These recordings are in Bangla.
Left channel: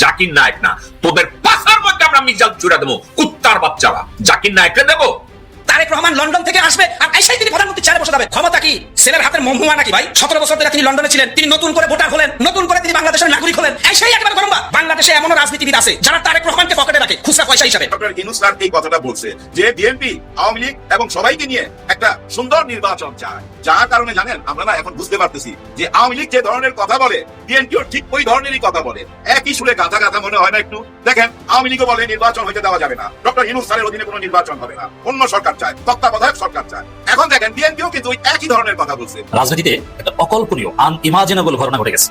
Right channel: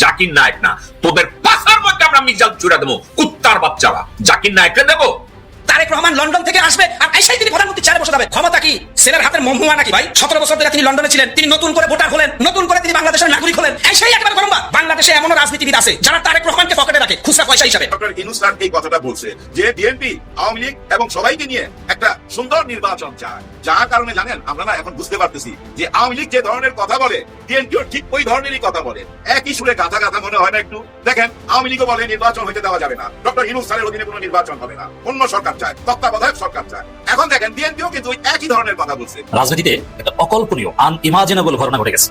জাকির নায়ক না, তোদের পাশার মধ্যে আমরা মিজাল চুরা দেবো, কুত্তার বাচ্চারা। জাকির নায়ককে দেবো। তারেক রহমান লন্ডন থেকে আসবে আর আইসাই তিনি প্রধানমন্ত্রী চেয়ারে বসে যাবে। ক্ষমতা কি ছেলের হাতের মহুয়া নাকি ভাই? 17 বছর ধরে তিনি লন্ডনে ছিলেন, তিনি নতুন করে ভোটার হলেন, নতুন করে তিনি বাংলাদেশের নাগরিক হলেন। এসেই একবার গরম। বাংলাদেশে এমন রাজনীতিবিদ আছে যারা তারেক রহমানকে পকেটে রাখে খুচরা পয়সা হিসাবে। ডক্টর ইউনূস স্যার এই কথাটা বলছে যে বিএনপি, আওয়ামী লীগ এবং সবাইকে নিয়ে একটা সুন্দর নির্বাচন চায়। যার কারণে জানেন আমরা না এখন বুঝতে পারতেছি যে আওয়ামী লীগ যে ধরনের কথা বলে বিএনপিও ঠিক ওই ধরনেরই কথা বলে। একই সুরে গাথা গাথা মনে হয় না একটু? দেখেন, আওয়ামী লীগও বলে নির্বাচন হইতে দেওয়া যাবে না, ডক্টর ইউনূস স্যারের অধীনে কোনো নির্বাচন হবে না, অন্য সরকার চায়, তত্ত্বাবধায়ক সরকার চায়। এখন দেখেন বিএনপিও কিন্তু একই ধরনের কথা বলছে। রাজনীতিতে একটা অকল্পনীয় আনইমাজিনেবল ঘটনা ঘটে গেছে।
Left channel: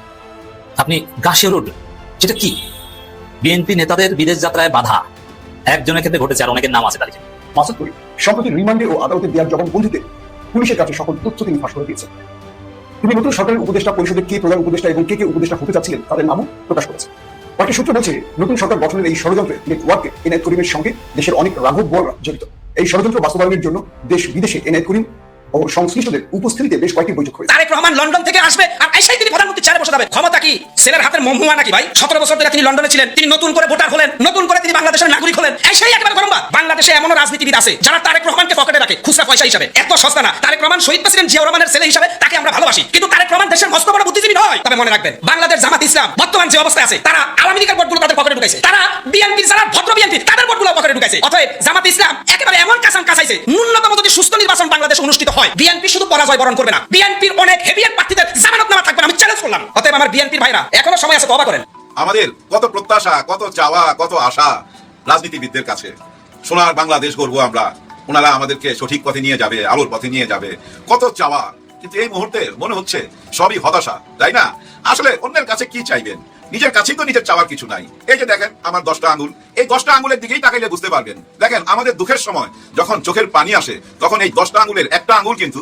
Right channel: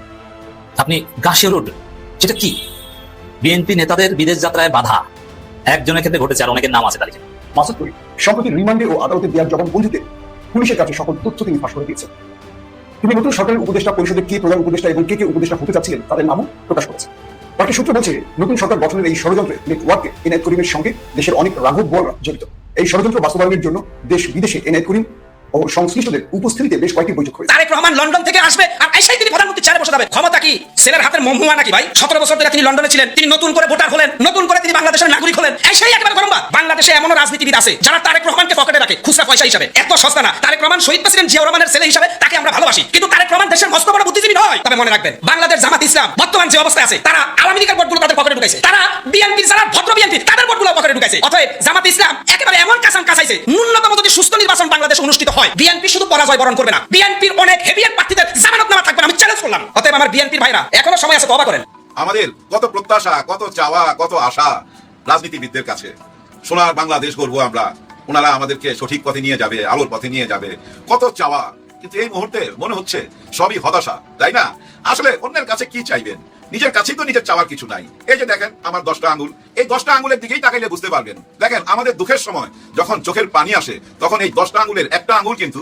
আপনি গাছের উঠে সেটা কি? বিএনপি নেতাদের বিদেশ যাত্রায় বাধা একজনের ক্ষেত্রে ঘটেছে, আর অনেকের নাম আছে তালিকায়। মাসুদ করিম সম্প্রতি রিমান্ডে ও আদালতে দেওয়ার জবানবন্দিতে পুলিশের কাছে সকল তথ্য তিনি ফাঁস করে দিয়েছেন। তিনি নতুন সরকারের উপদেষ্টা পরিষদের কে প্রধান উপদেষ্টা এবং কে উপদেষ্টা হতে চাচ্ছিলেন তাদের নামও প্রকাশ করেছে। পার্টি সূত্র বলছে, নতুন সরকার গঠনের এই ষড়যন্ত্রে নেটওয়ার্কে এনায়েত করিমের সঙ্গে দেশের অনেক রাঘব বড়রা জড়িত। এই ষড়যন্ত্র বাস্তবায়নের জন্য দেশ বিদেশে এনায়েত করিম ও সংশ্লিষ্টদের উপস্থিতিতে বেশ কয়েকটি বৈঠক হয়েছে। তারেক রহমান লন্ডন থেকে আসবে আর আইসাই তিনি প্রধানমন্ত্রী চেয়ারে বসে যাবে। ক্ষমতা কি ছেলের হাতের মহুয়া নাকি ভাই? 17 বছর ধরে তিনি লন্ডনে ছিলেন, তিনি নতুন করে ভোটার হলেন, নতুন করে তিনি বাংলাদেশের নাগরিক হলেন। এসেই একবার গরম। বাংলাদেশে এমন রাজনীতিবিদ আছে যারা তারেক রহমানকে পকেটে রাখে খুচরা পয়সা হিসাবে। এত সস্তা না। তারেক রহমান শহীদ প্রেসিডেন্ট জিয়াউর রহমানের ছেলে হিসাবে তাকে আমরা ভালোবাসি, কিন্তু তারেক রহমান দেশের মস্ত বড় বুদ্ধিজীবী নয়। তবে মনে রাখবেন, বাংলাদেশ জামাত ইসলাম বর্তমান যে অবস্থায় আছে, তারা আওয়ামী লীগের ভোটগুলো তাদের পকেটে ঢুকাইছে, তারা বিএনপির যারা ভদ্র বিএনপি তাদের ভোটগুলো পকেটে ঢুকাইছে। অতএব জামাত ইসলাম একেবারে এমন কাঁচান কাছাইছে, ন্যূনতম যদি সুস্থ নির্বাচন বাংলাদেশে অনুষ্ঠিত হয়, বিএনপি শুধু পরাজয় বরণ করবে না, বিএনপির অনেক হেভিয়ার প্রার্থীদের জামানত নামা থাকবে না। আমি চ্যালেঞ্জ করলাম। অতএব আমার বিএনপির ভাইরা, এখনো সময় আছে, তওবা করেন। আমাদের কত প্রত্যাশা, কত চাওয়া, কত আশা রাজনীতিবিদদের কাছে। সোনার বাংলাদেশ গড়বো আমরা, ওনারা আমাদেরকে সঠিক পথে নিয়ে যাবে, আলোর পথে নিয়ে যাবে, কত চাওয়া। কিন্তু এই মুহূর্তে মনে হচ্ছে সবই হতাশা, তাই না? আসলে অন্যের কাছে কি চাইবেন? নিজের কাছেই তো নিজের চাওয়ার কিছু নাই। এই যে দেখেন আমার 10টা আঙ্গুল, এই 10টা আঙ্গুলের দিকেই তাকাইলে বুঝতে পারবেন। দেখেন, আমাদের দুঃখের সময় যখন চোখের পানি আসে, তখন এই 10টা আঙ্গুলের একটা আঙ্গুল কিন্তু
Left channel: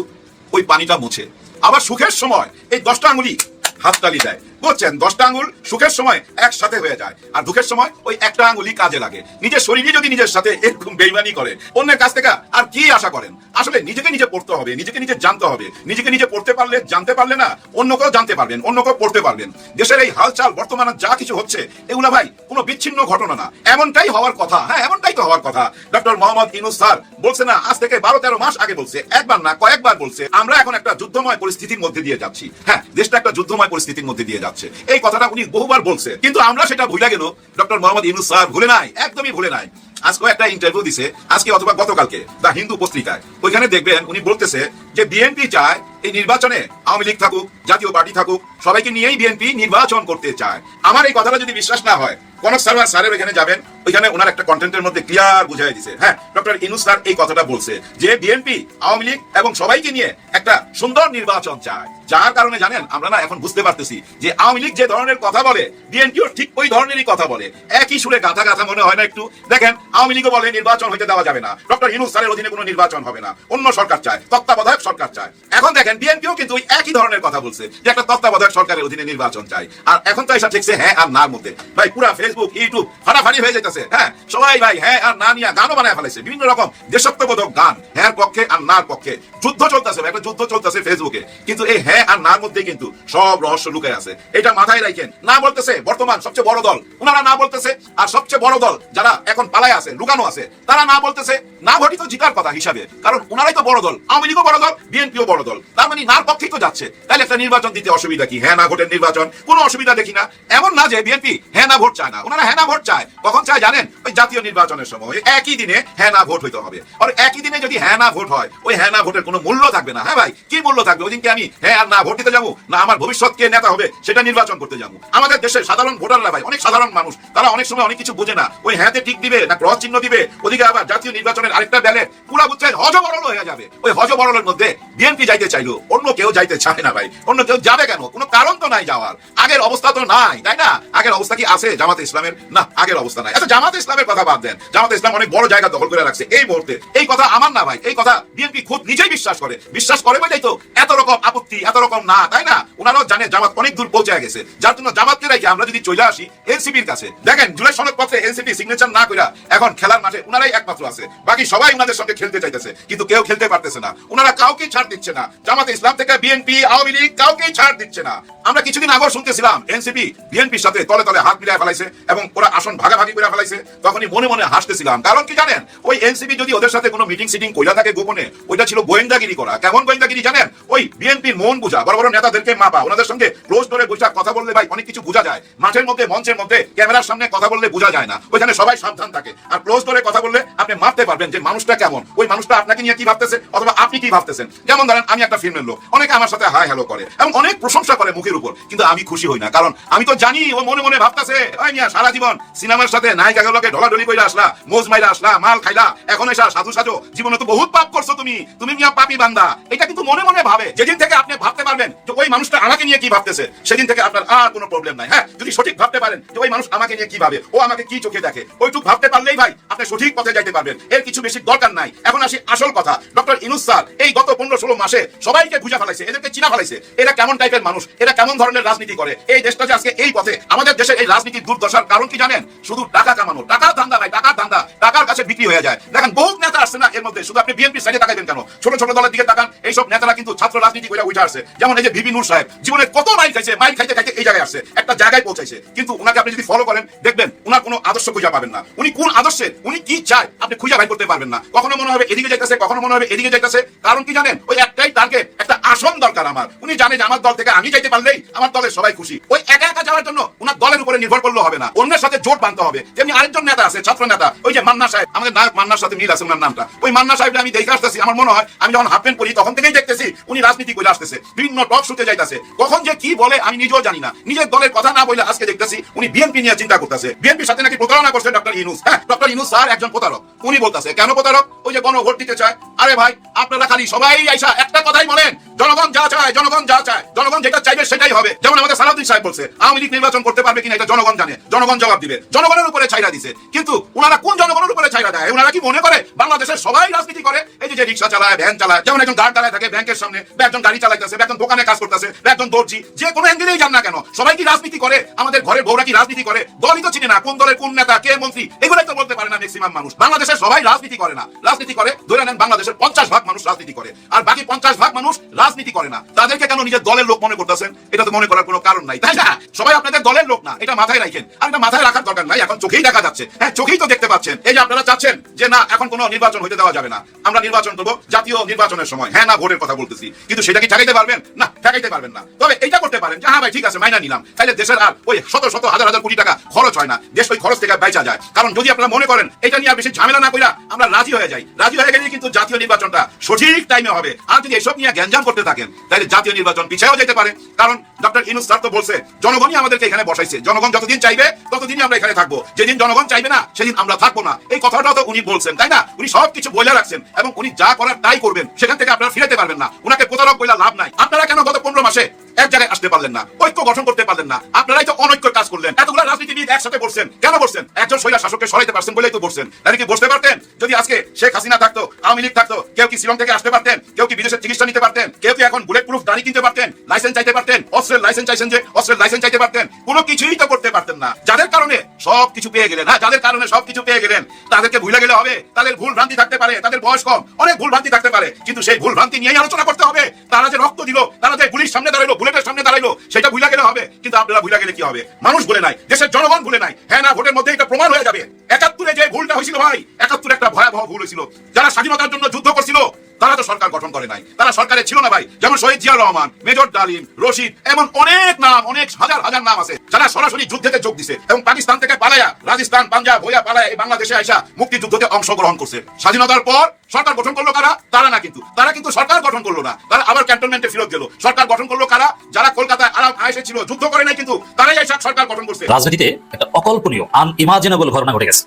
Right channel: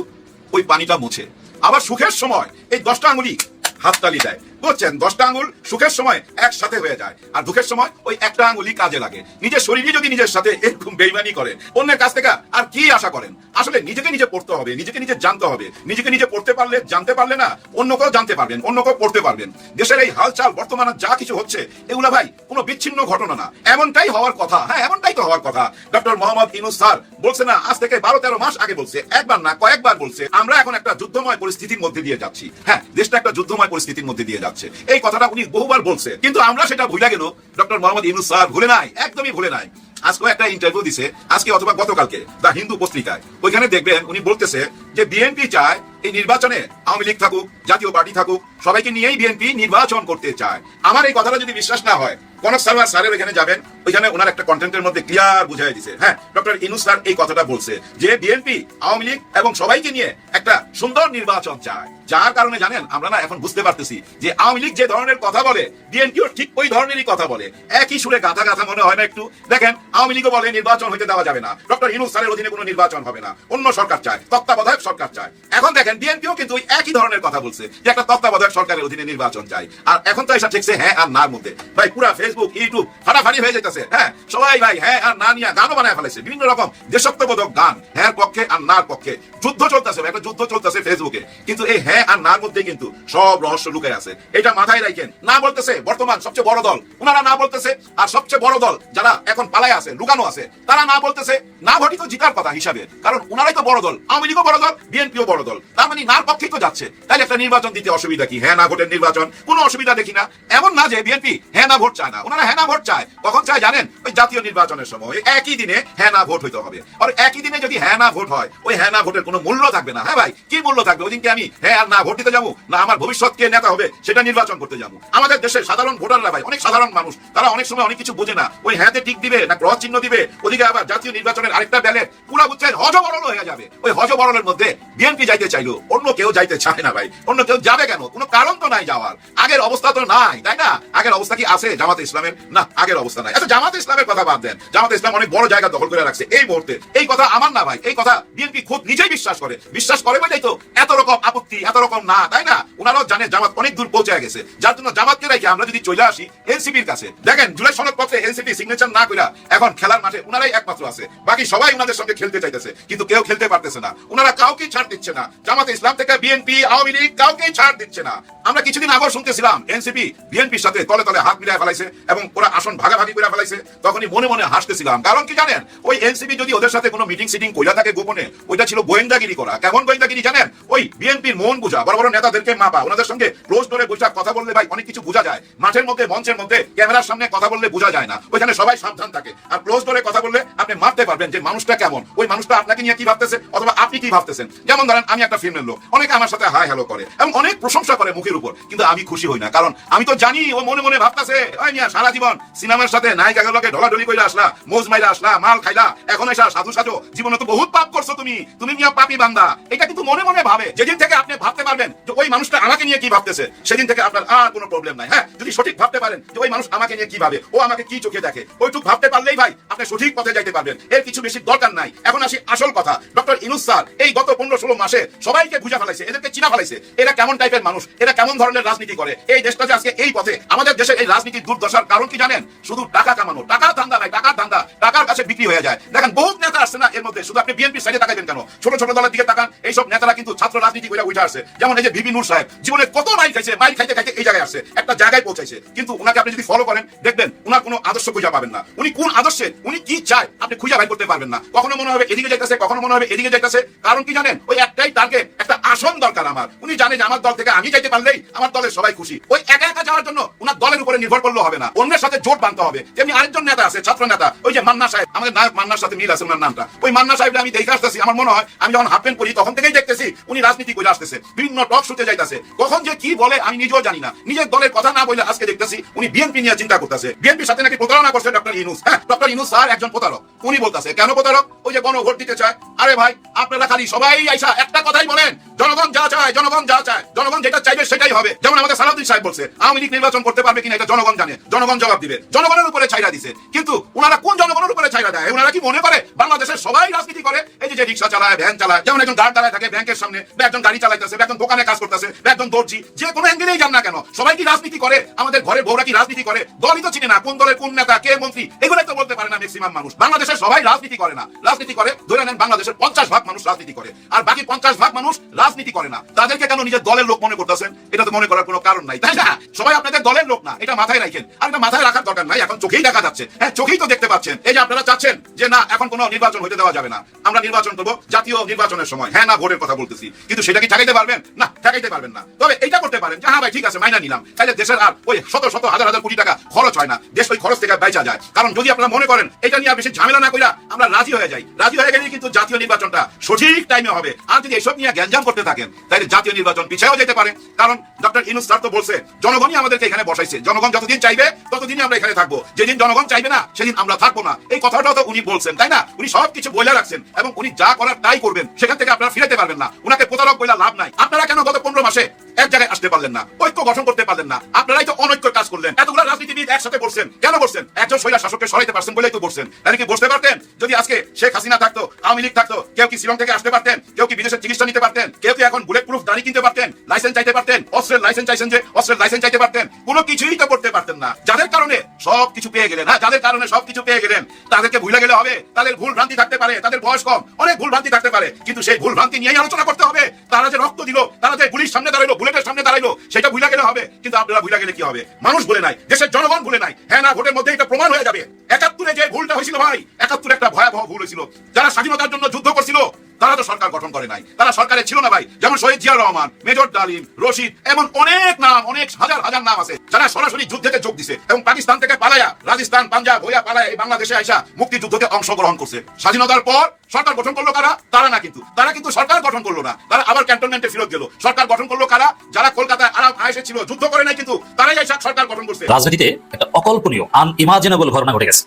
ওই পানিটা মুছে। আবার সুখের সময় এই 10টা আঙ্গুলই হাততালি দেয়, বুঝছেন? 10টা আঙ্গুল সুখের সময় একসাথে হয়ে যায়, আর দুঃখের সময় ওই একটা আঙ্গুলই কাজে লাগে। নিজের শরীরই যদি নিজের সাথে এরকম বেইমানি করে, অন্যের কাছ থেকে আর কি আশা করেন? আসলে নিজেকে নিজে পড়তে হবে, নিজেকে নিজে জানতে হবে। নিজেকে নিজে পড়তে পারলে, জানতে পারলে না অন্য কেউ জানতে পারবেন, অন্য কেউ পড়তে পারবেন। দেশের এই হালচাল বর্তমানে যা কিছু হচ্ছে, এগুলা ভাই কোনো বিচ্ছিন্ন ঘটনা না, এমনটাই হওয়ার কথা। হ্যাঁ, এমনটাই তো হওয়ার কথা। ডক্টর মোহাম্মদ ইউনূস স্যার বলছে না, আজ থেকে 12-13 মাস আগে বলছে, একবার না কয়েকবার বলছে, আমরা এখন একটা যুদ্ধময় পরিস্থিতির মধ্যে দিয়ে যাচ্ছি। হ্যাঁ, দেশটা একটা যুদ্ধময় পরিস্থিতির মধ্যে দিয়ে যাচ্ছে। এই কথাটা উনি বহুবার বলছে, কিন্তু আমরা সেটা ভুলে গেল। ডক্টর মোহাম্মদ ইউনূস স্যার ভুলে নাই, একদমই ভুলে নাই। আজকে একটা ইন্টারভিউ দিছে, আজকে অথবা গতকালকে দ্য হিন্দু পত্রিকায়, ওইখানে দেখবেন উনি বলতেছে যে বিএনপি চায় এই নির্বাচনে আওয়ামী লীগ থাকুক, জাতীয় পার্টি থাকুক, সবাইকে নিয়েই বিএনপি নির্বাচন করতে চায়। আমার এই কথাটা যদি বিশ্বাস না হয়, কনক স্যারের এখানে যাবেন, ওইখানে ওনার একটা কন্টেন্টের মধ্যে ক্লিয়ার বুঝাই দিছে। হ্যাঁ, ডক্টর ইউনূস স্যার এই কথাটা বলছে যে বিএনপি, আওয়ামী লীগ এবং সবাইকে নিয়ে একটা সুন্দর নির্বাচন চায়। যার কারণে জানেন আমরা না এখন বুঝতে পারতেছি যে আওয়ামী লীগ যে ধরনের কথা বলে বিএনপিও ঠিক ওই ধরনেরই কথা বলে। একই সুরে গাথা গাথা মনে হয় না একটু? দেখেন, আওয়ামী লীগও বলে নির্বাচন হইতে দেওয়া যাবে না, ডক্টর ইউনূস স্যারের অধীনে কোনো নির্বাচন হবে না, অন্য সরকার চায়, তত্ত্বাবধায়ক সরকার চায়। এখন দেখেন, বিএনপিও কিন্তু ওই একই ধরনের কথা বলছে যে একটা তত্ত্বাবধায়ক সরকারের অধীনে নির্বাচন চাই। আর এখন তো এসব ঠেকছে হ্যাঁ আর নার মধ্যে। ভাই পুরা ফেসবুক, ইউটিউব ফাটাফাটি হয়ে যেতেছে। হ্যাঁ, সবাই ভাই হ্যাঁ আর না নিয়ে গানও বানায় ফেলেছে, বিভিন্ন রকম দেশাত্মবোধক গান, হ্যাঁ পক্ষে আর নার পক্ষে। যুদ্ধ চলতেছে, একটা যুদ্ধ চলতেছে ফেসবুকে, কিন্তু এই হ্যাঁ আর নার মধ্যে কিন্তু সব রহস্য লুকে আছে। এটা মাথায় রাখেন। না বলতেছে বর্তমান সবচেয়ে বড় দল, ওনারা না বলতেছে, আর সবচেয়ে বড় দল যারা এখন পালায় আছে, লুকানো আছে, তারা না বলতেছে না ভোটই তো জিতার কথা হিসাবে, কারণ ওনারাই তো বড় দল, আওয়ামী লীগও বড় দল, বিএনপিও বড় দল, তার মানে নার পক্ষেই তো যাচ্ছে। তাহলে একটা নির্বাচন দিতে অসুবিধা কি? হ্যাঁ না ভোটের নির্বাচন, কোনো অসুবিধা দেখি না। এমন না যে বিএনপি হ্যাঁ না ভোট চায় না, ওনারা হ্যাঁ না ভোট চায়। কখন চায় জানেন? ওই জাতীয় নির্বাচনের সময় একই দিনে হ্যাঁ না ভোট হইতে হবে। আর একই দিনে যদি হ্যাঁ না ভোট হয়, ওই হ্যাঁ না ভোটের কোনো মূল্য থাকবে না। হ্যাঁ ভাই, কি মূল্য থাকবে? ওই দিনকে আমি হ্যাঁ আর না ভোট দিতে যাবো, না আমার ভবিষ্যৎ কে নেতা হবে সেটা নির্বাচন করতে যাবো। আমাদের দেশের সাধারণ ভোটাররা ভাই অনেক সাধারণ মানুষ, তারা অনেক সময় অনেক কিছু বুঝে না। ওই হ্যাঁতে টিক দিবে না ক্রস চিহ্ন দিবে, ওদিকে আবার জাতীয় নির্বাচনের আরেকটা ব্যালেট পুরা বুঝছে হজবরল হয়ে যাবে। ওই হজবরলের মধ্যে বিএনপি যাইতে চাইলো, অন্য কেউ যাইতে চায় না ভাই। অন্য কেউ যাবে কেন? কোনো কারণ তো নাই যাওয়ার। আগের অবস্থা তো নাই, তাই না? আগের অবস্থা কি আছে জামাত ইসলামের? না, আগের অবস্থা নাই। আচ্ছা, জামাত ইসলামের কথা বাদ দেন, জামাত ইসলাম অনেক বড় জায়গা দখল করে রাখছে এই মুহূর্তে। এই কথা আমার না ভাই, এই কথা বিএনপি খুব নিজেই বিশ্বাস করে। বিশ্বাস করে বলেই তো এত রকম আপত্তি, এত রকম না, তাই না? ওনারাও জানে জামাত অনেক দূর পৌঁছে গেছে, যার জন্য জামাতকে রেখে আমরা যদি চলে আসি এনসিপির কাছে, দেখেন জুলাই সনদপত্রে এনসিপি সিগনেচার না কইরা এখন খেলার মাঠে ওনারাই একমাত্র আছে, বাকি সবাই ওনাদের সঙ্গে খেলতে চাইতেছে, কিন্তু কেউ খেলতে পারতেছে না। ওনারা কাউকে ছাড় দিচ্ছে না, জামাত ইসলাম থেকে বিএনপি আওয়ামী লীগ কাউকে ছাড় দিচ্ছে না। আমরা কিছুদিন আগে শুনতেছিলাম এনসিপি বিএনপির সাথে তলে তলে হাত মিলাই ফেলাইছে এবং ওরা আসন ভাগাভাগি করে ফেলাইছে, তখনই মনে মনে হাসতেছিলাম। কারণ কি জানেন, ওই এনসিপি যদি ওদের সাথে কোনো মিটিং সিটিং কইরা থাকে গোপনে, ওইটা ছিল গোয়েন্দাগিরি করা। কেমন গোয়েন্দাগিরি জানেন, ওই বিএনপির মন বুঝা, বড় বড় নেতাদেরকে মাপা, ওনাদের সঙ্গে ক্লোজ ডোরে বসে কথা বললে ভাই অনেক কিছু বোঝা যায়। মাঠের মধ্যে মঞ্চের মধ্যে ক্যামেরার সামনে কথা বললে বোঝা যায় না, ওইখানে সবাই সাবধান থাকে। আর ক্লোজ ডোরে কথা বললে আপনি মাপতে পারবেন যে মানুষটা কেমন, ওই মানুষটা আপনাকে নিয়ে কি ভাবতেছে অথবা আপনি কি ভাবতেছেন। যেমন ধরেন আমি একটা ফিল্মের লোক, অনেকে আমার সাথে হাই হ্যালো করে এবং অনেক প্রশংসা করে মুখের উপর, কিন্তু আমি খুশি হই না, কারণ আমি তো জানি ও মনে মনে ভাবতেছে ওই মিয়া সারা জীবন সিনেমার সাথে নায়িকাগুলোকে ঢলাঢলি করে আসলা, মোজ মাইরা আসলা, মাল খাইলা, এখন এসা সাধু সাজো, জীবনে তো বহুত পাপ করছো তুমি মিয়া পাপী বান্দা। এটা কিন্তু মনে মনে ভাবে। যেদিন থেকে আপনি ভাবতে পারবেন যে ওই মানুষটা আমাকে নিয়ে কি ভাবতেছে, সেদিন থেকে আপনার আর কোনো প্রবলেম নাই। হ্যাঁ, যদি সঠিক ভাবতে পারেন যে ওই মানুষ আমাকে নিয়ে কি ভাবে, ও আমাকে কি চোখে দেখে, ওইটুকু ভাবতে পারলেই ভাই আপনি সঠিক পথে যাইতে পারবেন। এর কিছু বেশি দরকার নাই। এখন আসি আসল কথা, ডক্টর ইউনূস স্যার এই গত 15-16 মাসে সবাইকে বুঝা ফেলাইছে, এদেরকে চিনা ফেলাইছে, এরা কেমন টাইপের মানুষ, এরা কেমন ধরনের রাজনীতি করে। এই দেশটা যে আজকে এই পথে, আমাদের দেশের এই রাজনীতির দুর্দশার কারণ কি জানেন, শুধু টাকা কামানো, টাকার ধান্দা নাই, টাকার ধান্দা টাকার কাছে বিক্রি হয়ে যায়। দেখেন বহুত নেতা আসছে না এর মধ্যে, শুধু আপনি বিএনপি সাইডে তাকাইবেন কেন, ছোট ছোট দলের দিকে তাকান, এইসব নেতারা কিন্তু ছাত্র রাজনীতি করে উঠে আসছে। যেমন এই যে ভিপি নূর সাহেব জীবনে কত মাইল খাইছে, মাইল খাইতে খাইতে এই জায়গায় আসছে, একটা জায়গায় পৌঁছাইছে, কিন্তু উনাকে আপনি যদি ফলো করেন দেখবেন উনার কোনো আদর্শ খুঁজে পাবেন না। উনি কোন আদর্শে, উনি কি চায় আপনি খুঁজে বাই করতে পারবেন না। কখনো মনে হবে এদিকে যাইতেছে, কখনো মনে হবে এদিকে যাইতেছে। কারণ কি জানেন, ওই একটাই টার্গেট, একটা আসন দরকার আমার। উনি জানেন আমার দল থেকে আমি যাইতে পারলেই আমার দলের সবাই খুশি। ওই একা একা যাওয়ার জন্য উনার দলের উপরে নির্ভর করলে হবে না, অন্যের সাথে জোট বাঁধতে হবে। যেমনি আরেকজন নেতা আছে, ছাত্র নেতা, ওই যে মান্না সাহেব, আমাদের নায়ক মান্নার সাথে মিল আছে ওনার নামটা। ওই মান্না সাহেবকে আমি দেখে আসতেছি, আমার মনে হয় আমি যখন হাফ প্যান্ট পরি তখন থেকেই দেখতেছি উনি রাজনীতি করে আসতেছে, বিভিন্ন টক শুতে যাইতেছে, কখন যে কি বলে আমি নিজেও জানি না। নিজের দলের কথা না বলে আজকে দেখতেছি উনি বিএনপি নিয়ে চিন্তা করতেছে, বিএনপির সাথে নাকি প্রতারণা করছে ডক্টর ইউনূস। হ্যাঁ, ডক্টর ইউনূস স্যার একজন প্রতারক। উনি বলতেছে কেন প্রতারক, ওই যে গণভোট দিতে চায়। আরে ভাই, আপনারা খালি সবাই আইসা একটা কথাই বলেন, জনগণ যা চায়, জনগণ যা চায়, জনগণ যেটা চাইবে সেটাই হবে। যেমন আমাদের সালাউদ্দিন সাহেব বলছে আওয়ামী লীগ নির্বাচন করতে পারবে কিনা এটা জনগণ জানে, জনগণ জবাব দিবে। জনগণের উপরে ছাইরা দিছে, কিন্তু ওনারা কোন জনগণের উপরে ছাইরা দেয়? ওনারা কি মনে করে বাংলাদেশের সবাই রাজনীতি করে? এই যে রিক্সা চালায়, ভ্যান চালায়, যেমন একজন গার্ড দাঁড়ায় থাকে ব্যাংকের সামনে, বা একজন গাড়ি চালাইতেছে, বা একজন দোকানে কাজ করতেছে, বা একজন দর্জি, যে কোনো অ্যাঙ্গেলেই যান না কেন, সবাই কি রাজনীতি করে? আমাদের ঘরে বউরা কি রাজনীতি করে? দলই তো চিনে না, কোন দলের কোন নেতা, কে মন্ত্রী, এগুলো তো বলতে পারে না ম্যাক্সিমাম মানুষ। বাংলাদেশের সবাই রাজনীতি করে না, রাজনীতি করে ধরে নেন বাংলাদেশের 50% মানুষ রাজনীতি করে, আর বাকি 50% মানুষ রাজনীতি করে না। তাদেরকে কেন নিজের দলের লোক মনে করতেছেন? এটা তো মনে করার কোনো কারণ নাই, তাই না? সবাই আপনাদের দলের লোক না, এটা মাথায় রাখেন। আর এটা মাথায় রাখার দরকার নাই, এখন চোখেই দেখা যাচ্ছে। হ্যাঁ, চোখেই তো দেখতে পাচ্ছেন। এই যে আপনারা চাচ্ছেন যে না এখন কোনো নির্বাচন হইতে দেওয়া যাবে না, আমরা নির্বাচন করবো জাতীয় নির্বাচনের সময়। হ্যাঁ না, ভোটের কথা বলতেছি, কিন্তু সেটা কি ঠেকাইতে পারবেন? না, ঠেকাইতে পারবেন না। তবে এইটা করতে পারেন, হ্যাঁ ভাই ঠিক আছে মাইনা নিলাম, তাহলে দেশের আর ওই শত শত হাজার হাজার কোটি টাকা খরচ হয় না, দেশ ওই খরচ থেকে বাইচা যায়। কারণ যদি আপনারা মনে করেন এটা নিয়ে বেশি ঝামেলা না কইরা আমরা রাজি হয়ে যাই, রাজি হয়ে গেলেই কিন্তু জাতীয় নির্বাচনটা সঠিক টাইমে হবে। আর যদি এসব নিয়ে গ্যাঞ্জাম করতে থাকেন তাহলে জাতীয় নির্বাচন পিছায়ও যেতে পারে। কারণ ডক্টর ইউনূস স্যার তো বলছে জনগণই আমাদেরকে এখানে বসাইছে, জনগণ যতদিন চাইবে ততদিনই আমরা এখানে থাকবো, যেদিন জনগণ চাইবে না সেদিন আমরা থাকবো না। এই কথাটাও তো উনি বলছেন, তাই না? উনি সবকিছু বলে রাখছেন এবং উনি যা করার তাই করবেন, সেখান থেকে আপনারা ফিরতে পারবেন না। ওনাকে প্রতারক বলে লাভ নাই। আপনারা কেন গত 15 মাসে এক জায়গায় আসতে পারলেন না, ঐক্য গঠন করতে পারলেন না? আপনারাই তো অনৈক্য কাজ করলেন, এতগুলো রাজনীতিবিদ একসাথে বসছেন, কেন বসছেন? একজন স্বৈরাচার শাসককে সরাইতে পারছেন বলেই তো বসছেন। এদিকে বসতে পারতেন যদি আজকে শেখ হাসিনা থাকতো, আওয়ামী লীগ থাকতো, কেউ কি শিলং থেকে আসতে পারতেন, কেউ কি বিদেশের চিকিৎসা নিতে পারতেন, কেউ কি এখন বুলেট প্রুফ গাড়ি কিনতে পারতেন, লাইসেন্স চাইতে পারতেন, অস্ত্রের লাইসেন্স চাইছেন যে অস্ত্রের লাইসেন্স চাইতে পারতেন, কোনো কিছুই তো করতে পারতেন না। যাদের কারণে সবকিছু পেয়ে গেলেন, হ্যাঁ যাদের কারণে সবকিছু পেয়ে গেলেন, তাদেরকে ভুলে গেলে হবে? তাদের ভুল ভ্রান্তি থাকতে পারে, তাদের বয়স কম, অনেক ভুল ভ্রান্তি থাকতে পারে, কিন্তু সেই ভুল ভ্রান্তি নিয়ে আলোচনা করতে হবে। তারা যে রক্ত দিল, তারা যে গুলির সামনে দাঁড়াইলো, বুলেটের সামনে দাঁড়াইলো, সেটা ভুলে গেলে হবে। কিন্তু আপনারা ভুলে গেলে কি হবে? মানুষ ভুলে নাই, দেশের জনগণ ভুলে নাই। হ্যাঁ না, ভোটের মধ্যে এটা প্রমাণ হয়ে যাবে। 71-এ যে ভুলটা হয়েছিল ভাই, 71 একটা ভয়াবহ ভুল হয়েছিল। যারা স্বাধীনতার জন্য যুদ্ধ করছিল তারা তো সরকার গঠন করে নাই, তারা সরকারে ছিল না ভাই। যেমন শহীদ জিয়া রহমান, মেজর ডালিম, রশিদ, এমন অনেক নাম, অনেক হাজার হাজার নাম আছে যারা সরাসরি যুদ্ধে যোগ দিছে এবং পাকিস্তান থেকে পালায়া, রাজস্থান পাঞ্জাব হইয়া পালায়া এই বাংলাদেশে আইসা মুক্তিযুদ্ধে অংশগ্রহণ করছে। স্বাধীনতার পর সরকার গঠন করলো কারা? তারা না, কিন্তু তারা কিন্তু সরকার গঠন করলো না, তারা আবার ক্যান্টনমেন্টে ফেরত গেল। সরকার গঠন করলো কারা? যারা কলকাতায় আরাম আয়েশে ছিল, যুদ্ধ করে নাই, কিন্তু তারাই আইসা সরকার গঠন করছে। রাজনীতিতে একটা অকল্পনীয় আনইমাজিনেবল ঘটনা ঘটে গেছে।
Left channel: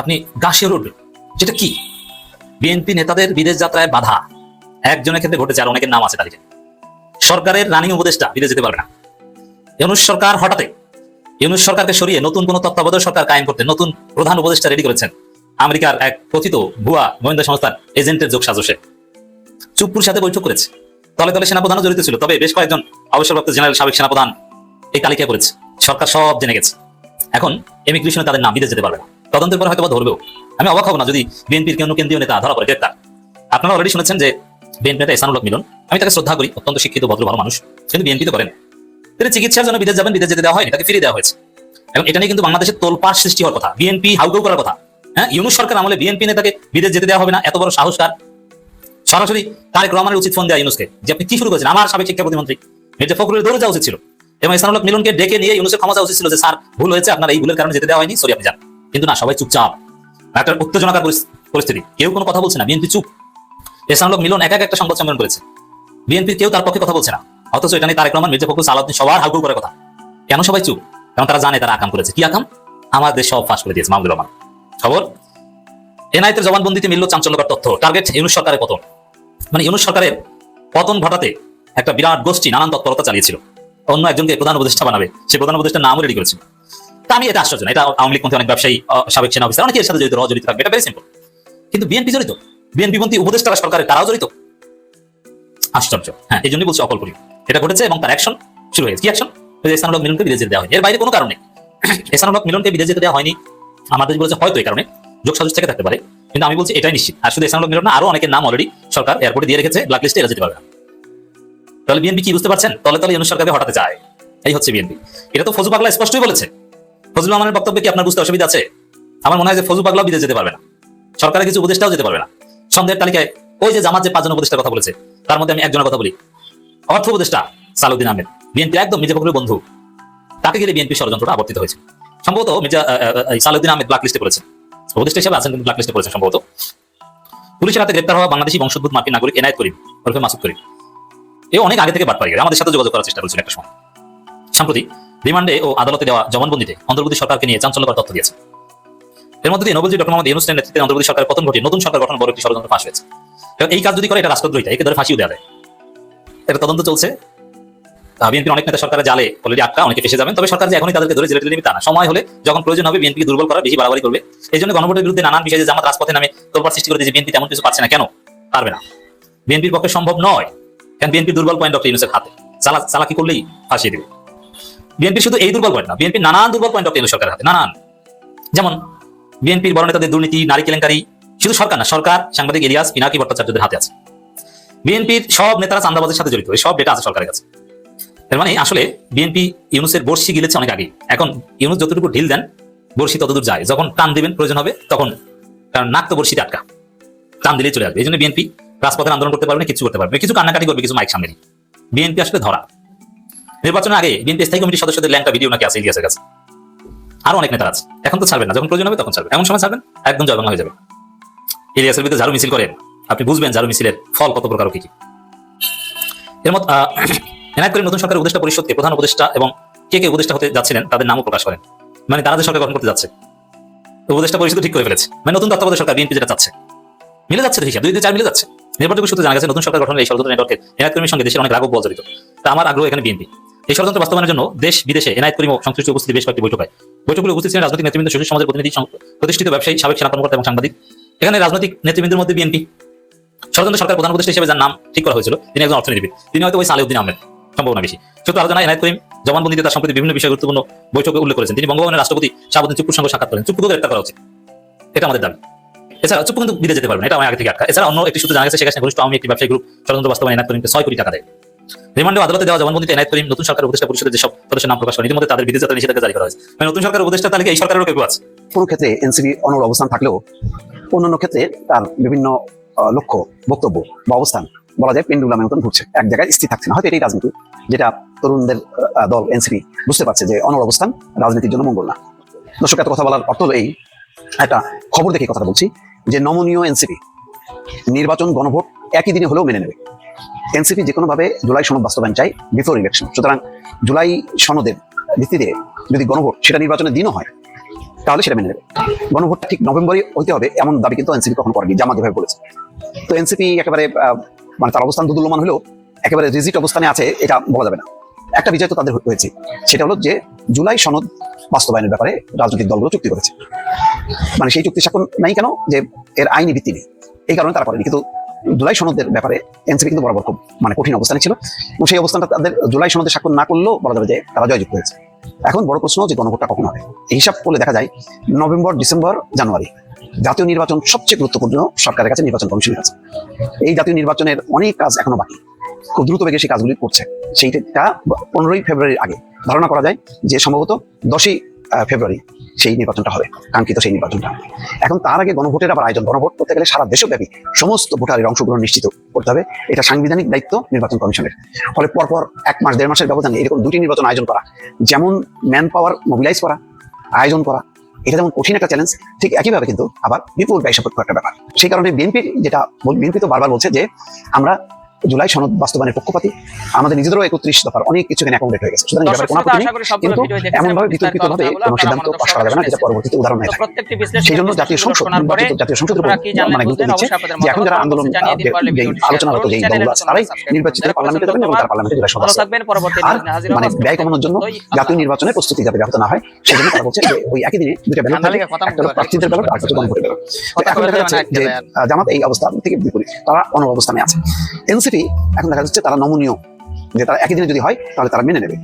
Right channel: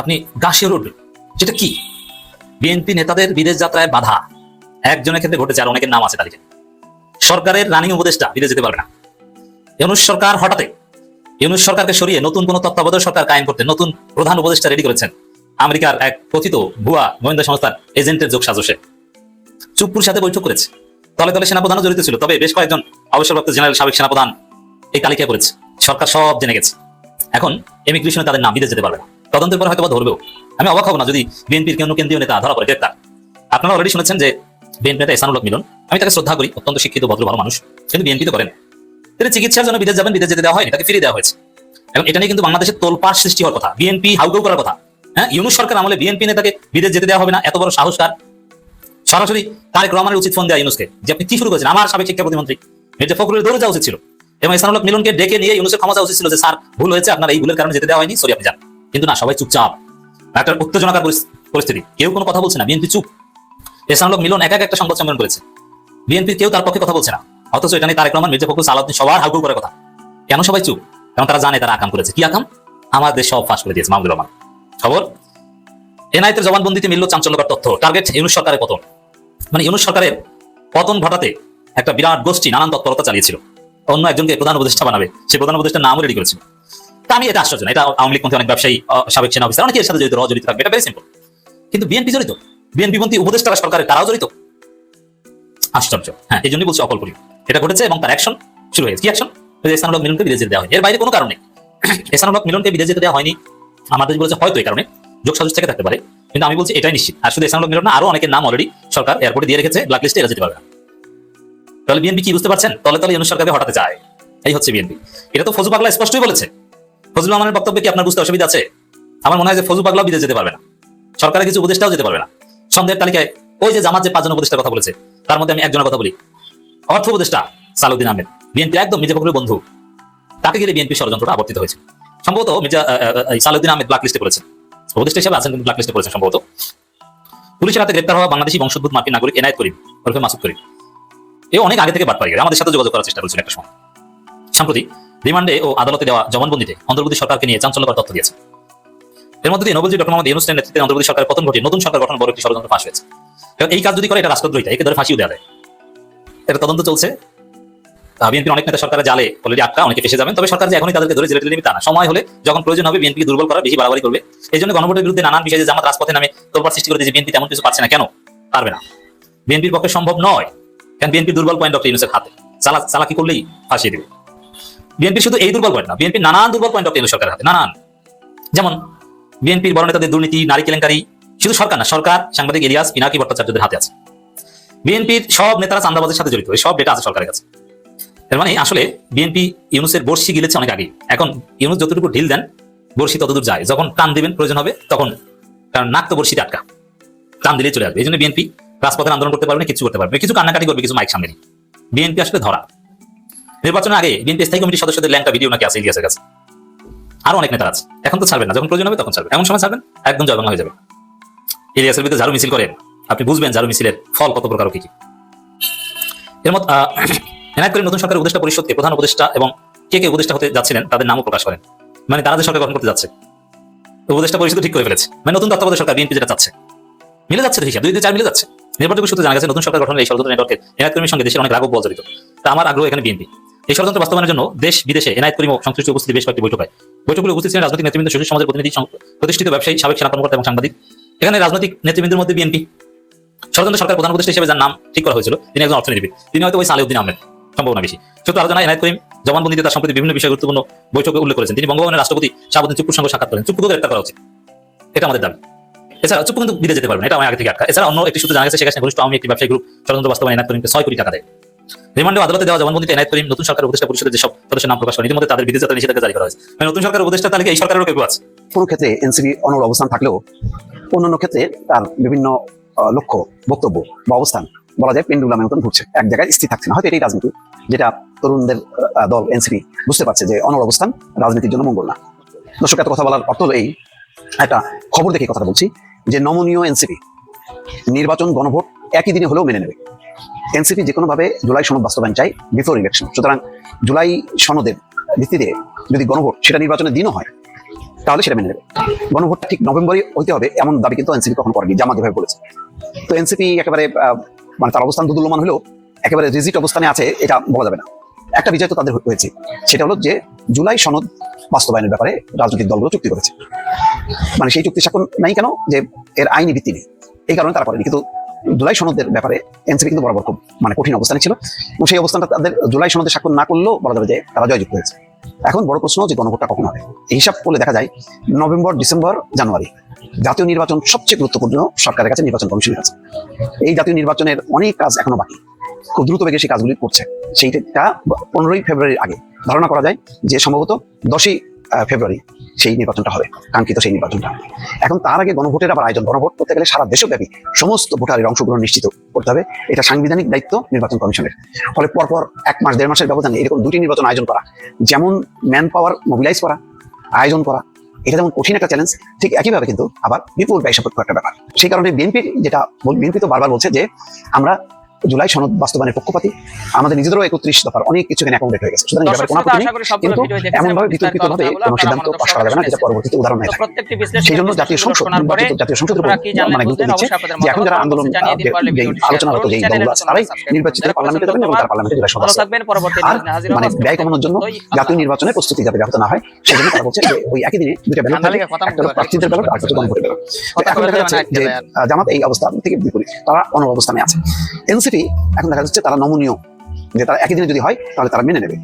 আপনি গাছে রোড, যেটা কি বিএনপি নেতাদের বিদেশ যাত্রায় বাধা, একজনের ক্ষেত্রে ঘটে চার অনেকের নাম আছে তালিকা। সরকারের রানিং উপদেষ্টা বিদেশ যেতে পারবে না। ইউনূস সরকার হঠাৎ ইউনূস সরকারকে সরিয়ে নতুন কোন তত্ত্বাবধায়ক সরকার কায়েম করতে নতুন প্রধান উপদেষ্টা রেডি করেছেন আমেরিকার এক কথিত ভুয়া গোয়েন্দা সংস্থার এজেন্টের যোগ সাজসে। চুপ্পুর সাথে বৈঠক করেছে, দলে দলে সেনাপ্রধানও জড়িত ছিল, তবে বেশ কয়েকজন অবসরপ্রাপ্ত জেনারেল সাবেক সেনাপ্রধান এই তালিকায় করেছে। সরকার সব জেনে গেছে। এখন ইমিগ্রেশনে তাদের নাম বিদেশ যেতে পারবে না। তদন্তের পর হয়তো ধরবেও। আমি অবাক হব না যদি বিএনপির কোনো কেন্দ্রীয় নেতা ধরা পড়ে গ্রেপ্তার। আপনারা অলরেডি শুনেছেন যে বিএনপি নেতা এহসানুল হক মিলন, আমি তাকে শ্রদ্ধা করি, অত্যন্ত শিক্ষিত ভদ্র ভালো মানুষ, কিন্তু বিএনপি তো করেন। তিনি চিকিৎসার জন্য বিদেশ যাবেন, বিদেশ যেতে দেওয়া হয়নি, তাকে ফিরিয়ে দেওয়া হয়েছে। এখন এটা নিয়ে কিন্তু বাংলাদেশের তোলপাড় সৃষ্টি হওয়ার কথা, বিএনপি হাউকাউ করার কথা। হ্যাঁ, ইউনূস সরকার আমলে বিএনপি নেতাকে বিদেশ যেতে দেওয়া হবে না, এত বড় সাহস তার। সরাসরি তারেক রহমানের উচিত ফোন দেওয়া ইউনূসকে যে আপনি কি শুরু করেছেন। আমার সাবেক শিক্ষা প্রতিমন্ত্রী মির্জা ফখরুলের দৌড়ে যাওয়া উচিত ছিল এবং এহসানুল হক মিলনকে ডেকে নিয়ে ইউনূসের ক্ষমা চাওয়া উচিত ছিল যে স্যার ভুল হয়েছে, আপনার এই ভুলের কারণে যেতে দেওয়া হয়নি, সরি আপনি যান। কিন্তু না, সবাই চুপচাপ, একটা উত্তেজনাকার পরিস্থিতি, কেউ কোনো কথা বলছে না, বিএনপি চুপ। এহসানুল হক মিলন একা একটা সংবাদ সম্মেলন করেছে, বিএনপির কেউ তার পক্ষে কথা বলছে না, অথচ এটা নিয়ে তারেক রহমান, মির্জা ফখরুল, সালাউদ্দিন সবার হাউকাউ করার কথা। কেন সবাই চুপ? কারণ তারা জানে তারা আকাম করেছে। কি আকাম? আমার দেশ সব ফাঁস করে দিয়েছে মাহমুদুর রহমান। খবর, এনআইতে জবানবন্দিতে মিলল চাঞ্চল্যকর তথ্য। টার্গেট ইউনূস সরকারের পতন। মানে ইউনূস সরকারের পতন ঘটাতে একটা বিরাট গোষ্ঠী নানান তৎপরতা চালিয়েছিল, অন্য একজনকে প্রধান উপদেষ্টা বানাবে, সে প্রধান উপদেষ্টার নামও রেডি করেছিল। তা নিয়ে এটা আশ্চর্য না, এটা আওয়ামী লীগ পন্থী অনেক ব্যবসায়ী, সাবেক সেনা অফিসার অনেকে এর সাথে জড়িত, জড়িত থাকবে, এটা ভেরি সিম্পল। কিন্তু বিএনপি জড়িত, বিএনপি পন্থী উপদেষ্টারা সরকারের তারাও জড়িত। আশ্চর্য। হ্যাঁ, এই জন্যই বলছি অকল্পনীয়। এটা ঘটেছে এবং তার অ্যাকশন শুরু হয়েছে। কি অ্যাকশন? এহসানুল হক মিলনকে বিদেশ যেতে দেওয়া হয়নি, এর বাইরে কোনো কারণ নেই। এহসানুল হক মিলনকে বিদেশ যেতে দেওয়া হয়নি, আমাদের বলেছে হয়তো এই কারণে, যোগ সাজস থেকে থাকতে পারে, কিন্তু আমি বলছি এটাই নিশ্চিত। আর শুধু এহসানুল হক মিলন না, আরো অনেকের নাম অলরেডি সরকার এয়ারপোর্টে দিয়ে রেখেছে, ব্ল্যাক লিস্টে এরা যেতে পারবে না। তাহলে বিএনপি কি বুঝতে পারছেন? তলে তলে ইউনূস সরকারকে হটাতে চায়, এই হচ্ছে বিএনপি। এটা তো ফজু পাগলা স্পষ্টই বলেছে। ফজলুর রহমানের বক্তব্যে কি আপনার বুঝতে অসুবিধা আছে? আমার মনে হয় যে ফজু পাগলা বিদেশ যেতে পারবে না, সরকারের কিছু উপদেষ্টাও যেতে পারবে না। সন্দেহের তালিকায় এই যে জামাত যে 5 জন উপদেষ্টার কথা বলেছে, তার মধ্যে আমি একজনের কথা বলি, অর্থ উপদেষ্টা সালাউদ্দিন আহমেদ, বিএনপি একদম মির্জা ফখরুলের বন্ধু, তাকে ঘিরে বিএনপি ষড়যন্ত্রটা আবর্তিত হয়েছে। সম্ভবত মির্জা সালাউদ্দিন আহমেদ ব্ল্যাক লিস্টে পড়েছেন, উপদেষ্টা হিসেবে আছেন কিন্তু ব্ল্যাক লিস্টে পড়েছেন সম্ভবত। পুলিশের হাতে গ্রেপ্তার হওয়া বাংলাদেশি বংশোদ্ভূত মার্কিন নাগরিক এনায়েত করিম ওরফে মাসুদ করিম, এ অনেক আগে থেকে বাটপাড়ি আমাদের সাথে যোগাযোগ করার চেষ্টা করেছিল একটা সময়। সম্প্রতি রিমান্ডে ও আদালতে দেওয়া জবানবন্দিতে অন্তর্বর্তী সরকারকে নিয়ে চাঞ্চল্যকর তথ্য দিয়েছে। এর মধ্যে দিয়ে নবীজি ডক্টর মোহাম্মদ ইউনূসের নেতৃত্বে অন্তর্বর্তী সরকার পতন ঘটিয়ে নতুন সরকার গঠন বড় একটি ষড়যন্ত্র ফাঁস হয়েছে। এই কাজ যদি করে এটা রাষ্ট্রদ্রোহিতা, একে ধরে ফাঁসিও দেওয়া যায়। এটা তদন্ত চলছে। বিএনপির অনেক নেতা সরকারে জালে অলরেডি আটকা, অনেকে ফেসে যাবেন। তবে সরকার যে এখনই তাদেরকে ধরে জেলে টেলে নেবে তা না, সময় হলে যখন প্রয়োজন হবে বিএনপি দুর্বল করা, বেশি বাড়াবাড়ি করবে। এই জন্য গণভোটের বিরুদ্ধে নানান বিষয়ে জামাত রাজপথে নামে তোলপাড় সৃষ্টি করে দিয়েছে। বিএনপি তেমন কিছু পারছে না। কেন পারবে না? বিএনপির পক্ষে সম্ভব নয়। কারণ বিএনপির দুর্বল পয়েন্ট ডক্টর ইউনূসের হাতে, চালাকি করলেই ফাঁসিয়ে দেবে। বিএনপি শুধু এই দুর্বল পয়েন্ট না, বিএনপি নানান দুর্বল পয়েন্ট ডক্টর ইউনূস সরকারের হাতে, নানান। যেমন বিএনপির বড় নেতাদের দুর্নীতি, নারী কেলেঙ্কারি, শুধু সরকার না, সরকার সাংবাদিক ইলিয়াস পিনাকি ভট্টাচার্যদের হাতে আছে। বিএনপির সব নেতারা চাঁদাবাজের সাথে জড়িত, এই সব ডেটা আছে সরকারের কাছে। এর মানে আসলে বিএনপি ইউনূসের বর্ষি গিলেছে অনেক আগে। এখন ইউনূস যতটুকু ঢিল দেন বর্ষি ততদূর যায়, যখন টান দিবেন প্রয়োজন হবে তখন, কারণ নাক তো বর্ষিতে আটকা, টান দিলেই চলে আসবে। এই জন্য বিএনপি রাজপথে আন্দোলন করতে পারবে না, কিছু করতে পারবে, কিছু কান্নাকাটি করবে, কিছু মাইক সামনে। বিএনপি আসলে ধরা। নির্বাচনের আগে বিএনপি স্থায়ী কমিটির সদস্যদের ল্যাংটা ভিডিও নাকি আছে ইলিয়াসের কাছে, আরো অনেক নেতা আছে। এখন তো ছাড়বেন না, যখন প্রয়োজন হবে তখন ছাড়বেন, এমন সময় ছাড়বেন একদম জলবান হয়ে যাবে। ইলিয়াসের বিরুদ্ধে ঝাড়ু মিছিল করেন, আপনি বুঝবেন ঝাড়ু মিছিলের ফল কত প্রকার কি কি। এর মত এনায়েত করিম নতুন সরকারের উপদেষ্টা পরিষদকে প্রধান উপদেষ্টা এবং কে কে উপদেষ্টা হতে যাচ্ছিলেন তাদের নামও প্রকাশ করেন। মানে তারা যে সরকার গঠন করতে যাচ্ছে উপদেষ্টা পরিষদ ঠিক করে ফেলেছে। মানে নতুন তত্ত্বাবধায়ক সরকার বিএনপি যেটা চাচ্ছে মিলে যাচ্ছে, হিসাব 2-4 মিলে যাচ্ছে। নির্বাচনের সূত্রে জানা গেছে নতুন সরকার গঠনের এই ষড়যন্ত্র নেটওয়ার্কের এনায়েত করিমের সঙ্গে দেশের অনেক রাঘব বল জড়িত। তা আমার আগ্রহ এখানে বিএনপি এই ষড়যন্ত্র বাস্তবায়নের জন্য দেশ বিদেশে এনায়েত করিম ও সংশ্লিষ্ট উপস্থিতি বেশ কয়েকটি বৈঠক হয়। বৈঠকগুলো উপস্থিত ছিলেন রাজনৈতিক নেতৃবৃন্দ, সুশীল সমাজের প্রতিনিধি, প্রতিষ্ঠিত ব্যবসায়ী, সাবেক সেনা কর্মকর্তা এবং সাংবাদিক। এখানে রাজনৈতিক নেতৃবৃন্দের মধ্যে বিএনপি ষড়যন্ত্র সরকার প্রধান উপদেষ্টা হিসেবে যার নাম ঠিক করা হয়েছিল তিনি একজন অর্থনীতিবিদ, তিনি হয়তো ওই সালাউদ্দিন আহমেদ সম্ভাবনা বেশি। সূত্র আলোচনা এনায়েত করিম জবানবন্দিতে তার সম্প্রতি বিভিন্ন বিষয়ে গুরুত্বপূর্ণ বৈঠকে উল্লেখ করেছেন। তিনি বঙ্গবন্ধুর রাষ্ট্রপতি শাহাবুদ্দিন চুপ্পুর সঙ্গে সাক্ষাৎ করেন। চুপ্পুকে গ্রেফতার করা হচ্ছে, এটা আমাদের দাবি। এছাড়া চুপ্পু কিন্তু বিদেশে যেতে পারবেন, এটা আমার আগে থেকে আটকা। এছাড়া অন্য একটি সূত্রে জানা গেছে শেখ হাসিনা ঘনিষ্ঠ আওয়ামী একটি ব্যবসায়ী গ্রুপ ষড়যন্ত্র বাস্তবায়নে এনায়েত করিমকে 6 কোটি টাকা দেয়। রিমান্ডে আদালতে দেওয়া জবানবন্দিতে এনায়েত করিম নতুন সরকারের উপদেষ্টা পরিষদের যেসব সদস্যের নাম প্রকাশ করেন, ইতিমধ্যে তাদের বিদেশ যাত্রা নিষেধাজ্ঞা জারি করা হয়েছে। মানে নতুন সরকারের উপদেষ্টা তালিকা এই সরকারেরও কেউ আছে। কোনো ক্ষেত্রে এনসিপি অনড় অবস্থান থাকলেও অন্যান্য ক্ষেত্রে তার বিভিন্ন লক্ষ্য, বক্তব্য বা অবস্থান বলা যায় পেন্ডুলামের মতন ঘুরছে, এক জায়গায় স্থির থাকছে না। হয়তো এটাই রাজনীতি, যেটা তরুণদের দল এনসিপি বুঝতে পারছে যে অনড় অবস্থান রাজনীতির জন্য মঙ্গল না। দর্শক, এত কথা বলার অর্থ হলো এই, একটা খবর দেখে কথা বলছি যে নমনীয় এনসিপি নির্বাচন গণভোট একই দিনে হলেও মেনে নেবে। এনসিপি যে কোনোভাবে জুলাই সনদ বাস্তবায়ন চাই বিফোর ইলেকশন। সুতরাং জুলাই সনদের ভিত্তিতে যদি গণভোট সেটা নির্বাচনের দিনও হয় তাহলে সেটা মেনে নেবে। গণভোটটা ঠিক নভেম্বরে হইতে হবে এমন দাবি কিন্তু এনসিপি কখন করেনি, জামাত যেভাবে বলেছে। তো এনসিপি একেবারে মানে তার অবস্থান দুদুল্যমান হলেও একেবারে রিজিট অবস্থানে আছে এটা বলা যাবে না। একটা বিজয় তো তাদের হয়েছে, সেটা হলো যে জুলাই সনদ বাস্তবায়নের ব্যাপারে রাজনৈতিক দলগুলো চুক্তি করেছে। মানে সেই চুক্তি স্বাক্ষর নাই কেন, যে এর আইনি ভিত্তি নেই, এই কারণে তারা করেনি। কিন্তু জুলাই সনদের ব্যাপারে এনসিপি কিন্তু বড় মানে কঠিন অবস্থানে ছিল, এবং সেই অবস্থানটা তাদের জুলাই সনদে স্বাক্ষর না করলেও বলা যাবে যে তারা জয়যুক্ত হয়েছে। এখন বড় প্রশ্ন যে গণভোটটা কখন হবে। এই হিসাব করলে দেখা যায় নভেম্বর, ডিসেম্বর, জানুয়ারি জাতীয় নির্বাচন সবচেয়ে গুরুত্বপূর্ণ সরকারের কাছে, নির্বাচন কমিশনের কাছে। এই জাতীয় নির্বাচনের অনেক কাজ এখনো বাকি, তো দ্রুত বেগে সেই কাজগুলো করছে। সেইটা ধারণা করা যায় যে সম্ভবত 10ই ফেব্রুয়ারি সেই নির্বাচনটা হবে, কাঙ্ক্ষিত সেই নির্বাচনটা। এখন তার আগে গণভোটের আবার আয়োজন, গণভোট করতে গেলে সারা দেশব্যাপী সমস্ত ভোটারের অংশগ্রহণ নিশ্চিত করতে হবে, এটা সাংবিধানিক দায়িত্ব নির্বাচন কমিশনের। ফলে পরপর 1 মাস 1.5 মাসের ব্যবধানে এরকম 2টি নির্বাচন আয়োজন করা, যেমন ম্যান পাওয়ার আয়োজন করা, এটা যেমন কঠিন একটা চ্যালেঞ্জ, ঠিক একইভাবে কিন্তু আবার বিপুল ব্যয় সাপেক্ষ একটা ব্যাপার। সেই কারণে বিএনপি তো বারবার বলছে যে আমরা জুলাই সনদ বাস্তবায়নের পক্ষপাতী, আমাদের নিজেদেরও 31 দফার অনেক কিছু এখানে অ্যাকোমোডেট হয়ে গেছে। সুতরাং এই ব্যাপারে কোনো কিছু নেই, কিন্তু এমনভাবে বিতর্কিতভাবে কোনো সিদ্ধান্ত পাস করা যাবে না যেটা পরবর্তীতে উদাহরণ হয়ে থাকে। সেই জন্য জাতীয় সংসদের উপর মানে গুরুত্ব দিচ্ছে যে এখন যারা আন্দোলন আলোচনারত যে দলগুলো আছে তারাই নির্বাচিতরা পার্লামেন্টে যাবেন এবং তারা পার্লামেন্টে জুলাই সনদ আর মানে ব্যয় কমানোর জন্য জাতীয় নির্বাচনে প্রস্তুতি যাতে ব্যাহত না হয়, সেই জন্য করা হচ্ছে যে ওই একই দিনে দুটো ব্যালট থাকে, একটা প্রার্থীদের ব্যালট আর একটা গণভোটের ব্যালট। এখন দেখা যাচ্ছে যে জামাত এই অবস্থা থেকে বিপরীত, তারা অন্য অবস্থানে আছে। এনসিপি এখন দেখা যাচ্ছে তারা নমনীয়, যে তারা একই দিনে যদি হয় তাহলে তারা মেনে নেবে।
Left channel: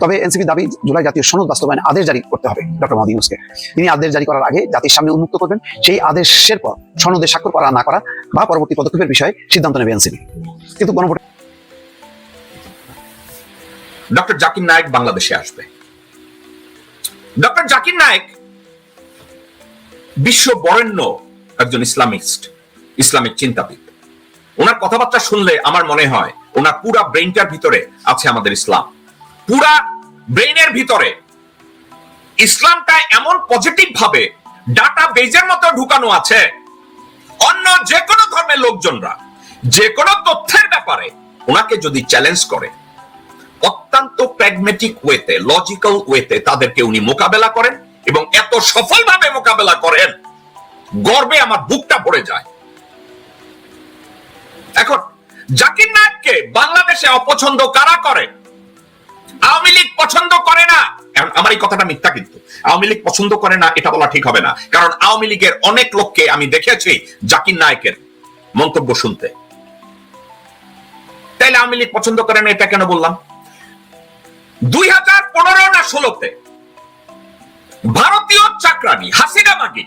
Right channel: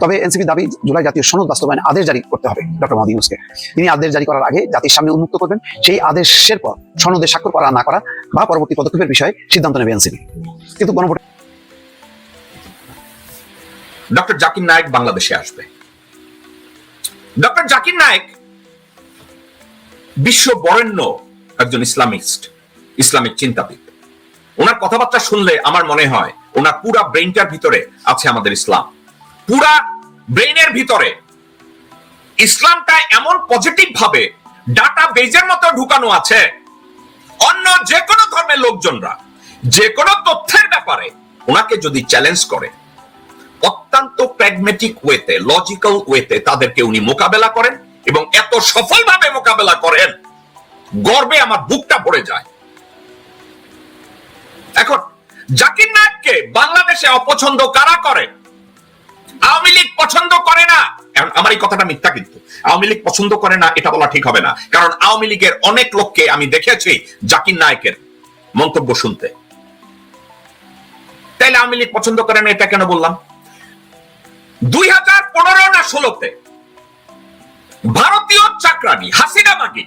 তবে এনসিপি দাবি জুলাই জাতীয় সনদ বাস্তবায়নে আদেশ জারি করতে হবে ডক্টর মোহাম্মদ ইউনূসকে। তিনি আদেশ জারি করার আগে জাতির সামনে উন্মুক্ত করবেন, সেই আদেশের পর সনদে স্বাক্ষর করা না করা বা পরবর্তী পদক্ষেপের বিষয়ে সিদ্ধান্ত নেবে এনসিপি। কিন্তু গণভোট ডক্টর জাকির নায়েক বাংলাদেশে আসবে। ডক্টর জাকির নায়েক বিশ্ব বরেণ্য একজন ইসলামিক চিন্তাবিদ। ওনার কথাবার্তা শুনলে আমার মনে হয় ওনার পুরা ব্রেইনটার ভিতরে আছে আমাদের ইসলাম। পুরা ব্রেইনের ভিতরে ইসলামটা এমন পজিটিভ ভাবে ডাটা বেজের মতো ঢুকানো আছে, অন্য যে কোনো ধর্মের লোকজনরা যে কোনো তথ্যের ব্যাপারে ওনাকে যদি চ্যালেঞ্জ করে, অত্যন্ত প্র্যাগম্যাটিক ওয়েতে, লজিক্যাল ওয়েতে তাদেরকে উনি মোকাবেলা করেন, এবং এত সফলভাবে মোকাবেলা করেন, গর্বে আমার বুকটা ভরে যায়। এখন জাকির নায়েককে বাংলাদেশে অপছন্দ কারা করে? আওয়ামী লীগ পছন্দ করে না। আমার এই কথাটা মিথ্যা, কিন্তু আওয়ামী লীগ পছন্দ করে না এটা বলা ঠিক হবে না, কারণ আওয়ামী লীগের অনেক লোককে আমি দেখেছি জাকির নায়েকের মন্তব্য শুনতে। তাইলে আওয়ামী লীগ পছন্দ করে না এটা কেন বললাম? 2015 না 16-তে ভারতীয় চাকরানি হাসিনা মাগি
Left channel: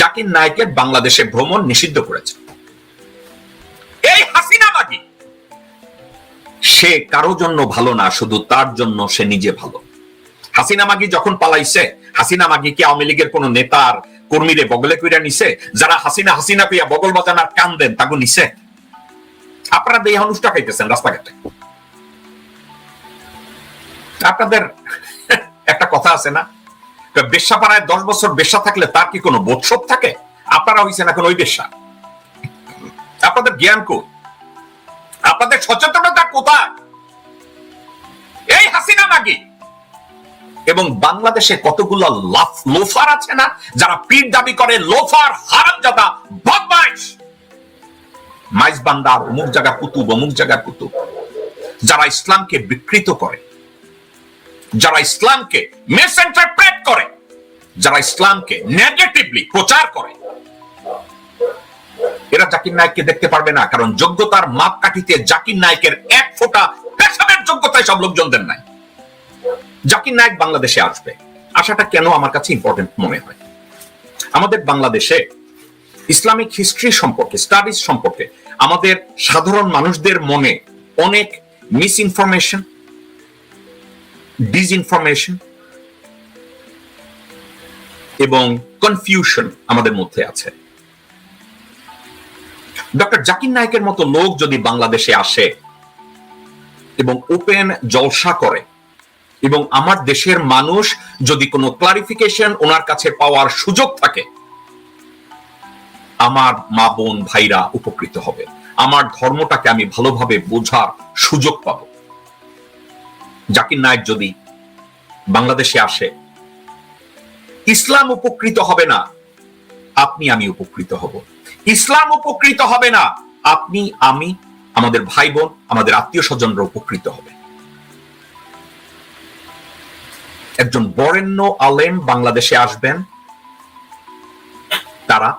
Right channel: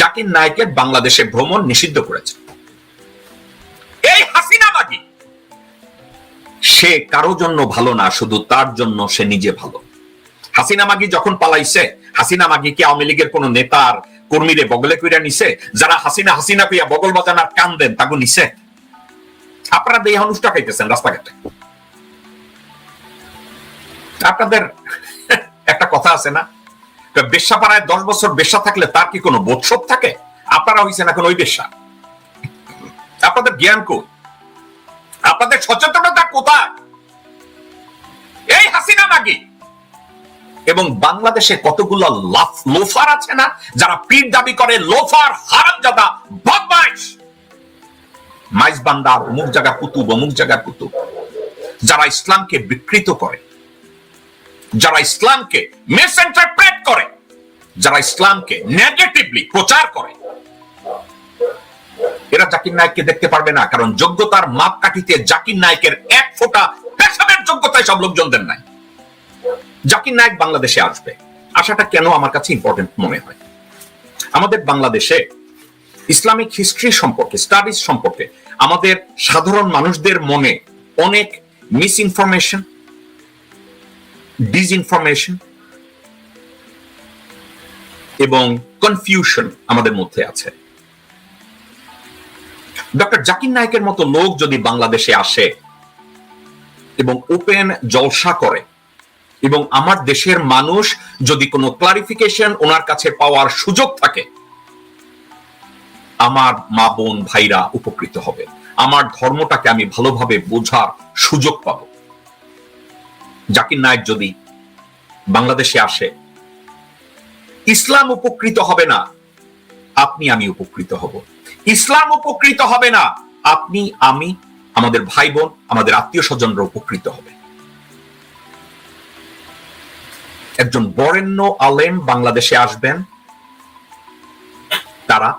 জাকির নায়েকের বাংলাদেশে ভ্রমণ নিষিদ্ধ করেছে। এই হাসিনা মাগি সে কারো জন্য ভালো না, শুধু তার জন্য সে নিজে ভালো। হাসিনা মাগি যখন পালাইছে, হাসিনা মাগি কি আওয়ামী লীগের কোন নেতার কর্মীরে বগলে কইরা নিছে? যারা হাসিনা পেয়া বগল বাজানার কান দেন তাকে নিছে? আপনারা দেহ অনুষ্ঠা খাইতেছেন রাস্তাঘাটে। আপনাদের একটা কথা আছে না, বেশ্যাপাড়ায় 10 বছর বেশ্যা থাকলে তার কি কোনো বোধশোধ থাকে? আপনারা হইছেন এখন ওই বেশ্যা। আপনাদের জ্ঞান কোথায়? আপনাদের সচেতনতা কোথায়? এই হাসিনা নাকি এবং বাংলাদেশে কতগুলো লোফার আছে না, যারা পীর দাবি করে, লোফার, হারামজাদা, বদমাইশ, মাইজবান্দার অমুক জায়গা কুতুব, অমুক জায়গা কুতুব, যারা ইসলামকে বিকৃত করে, যারা ইসলামকে মিসইন্টারপ্রেট করে, যারা ইসলামকে নেগেটিভলি প্রচার করে, এরা জাকির নায়েককে দেখতে পারবে না, কারণ যোগ্যতার মাপকাঠিতে জাকির নায়েকের এক ফোঁটা যোগ্যতায় সব লোকজনদের নাই। জাকির নায়েক বাংলাদেশে আসবে, আসাটা কেন আমার কাছে ইম্পর্টেন্ট মনে হয়? আমাদের বাংলাদেশে ইসলামিক হিস্ট্রি সম্পর্কে, স্টাডিজ সম্পর্কে আমাদের সাধারণ মানুষদের মনে অনেক মিসইনফরমেশন, ডিসইনফরমেশন এবং কনফিউশন আমাদের মধ্যে আছে। ডক্টর জাকির নায়েকের মতো লোক যদি বাংলাদেশে আসে এবং ওপেন জলসা করে, এবং আমার দেশের মানুষ যদি কোনো ক্লারিফিকেশন ওনার কাছে পাওয়ার সুযোগ থাকে, আমার মা বোন ভাইরা উপকৃত হবে, আমার ধর্মটাকে আমি ভালোভাবে বোঝার সুযোগ পাব। জাকির নায়েক যদি বাংলাদেশে আসে, ইসলাম উপকৃত হবে না, আপনি আমি উপকৃত হব। ইসলাম উপকৃত হবে না, আপনি আমি, আমাদের ভাই বোন, আমাদের আত্মীয় স্বজনরা উপকৃত হবে। একজন বরেণ্য আলেম বাংলাদেশে আসবেন, তারা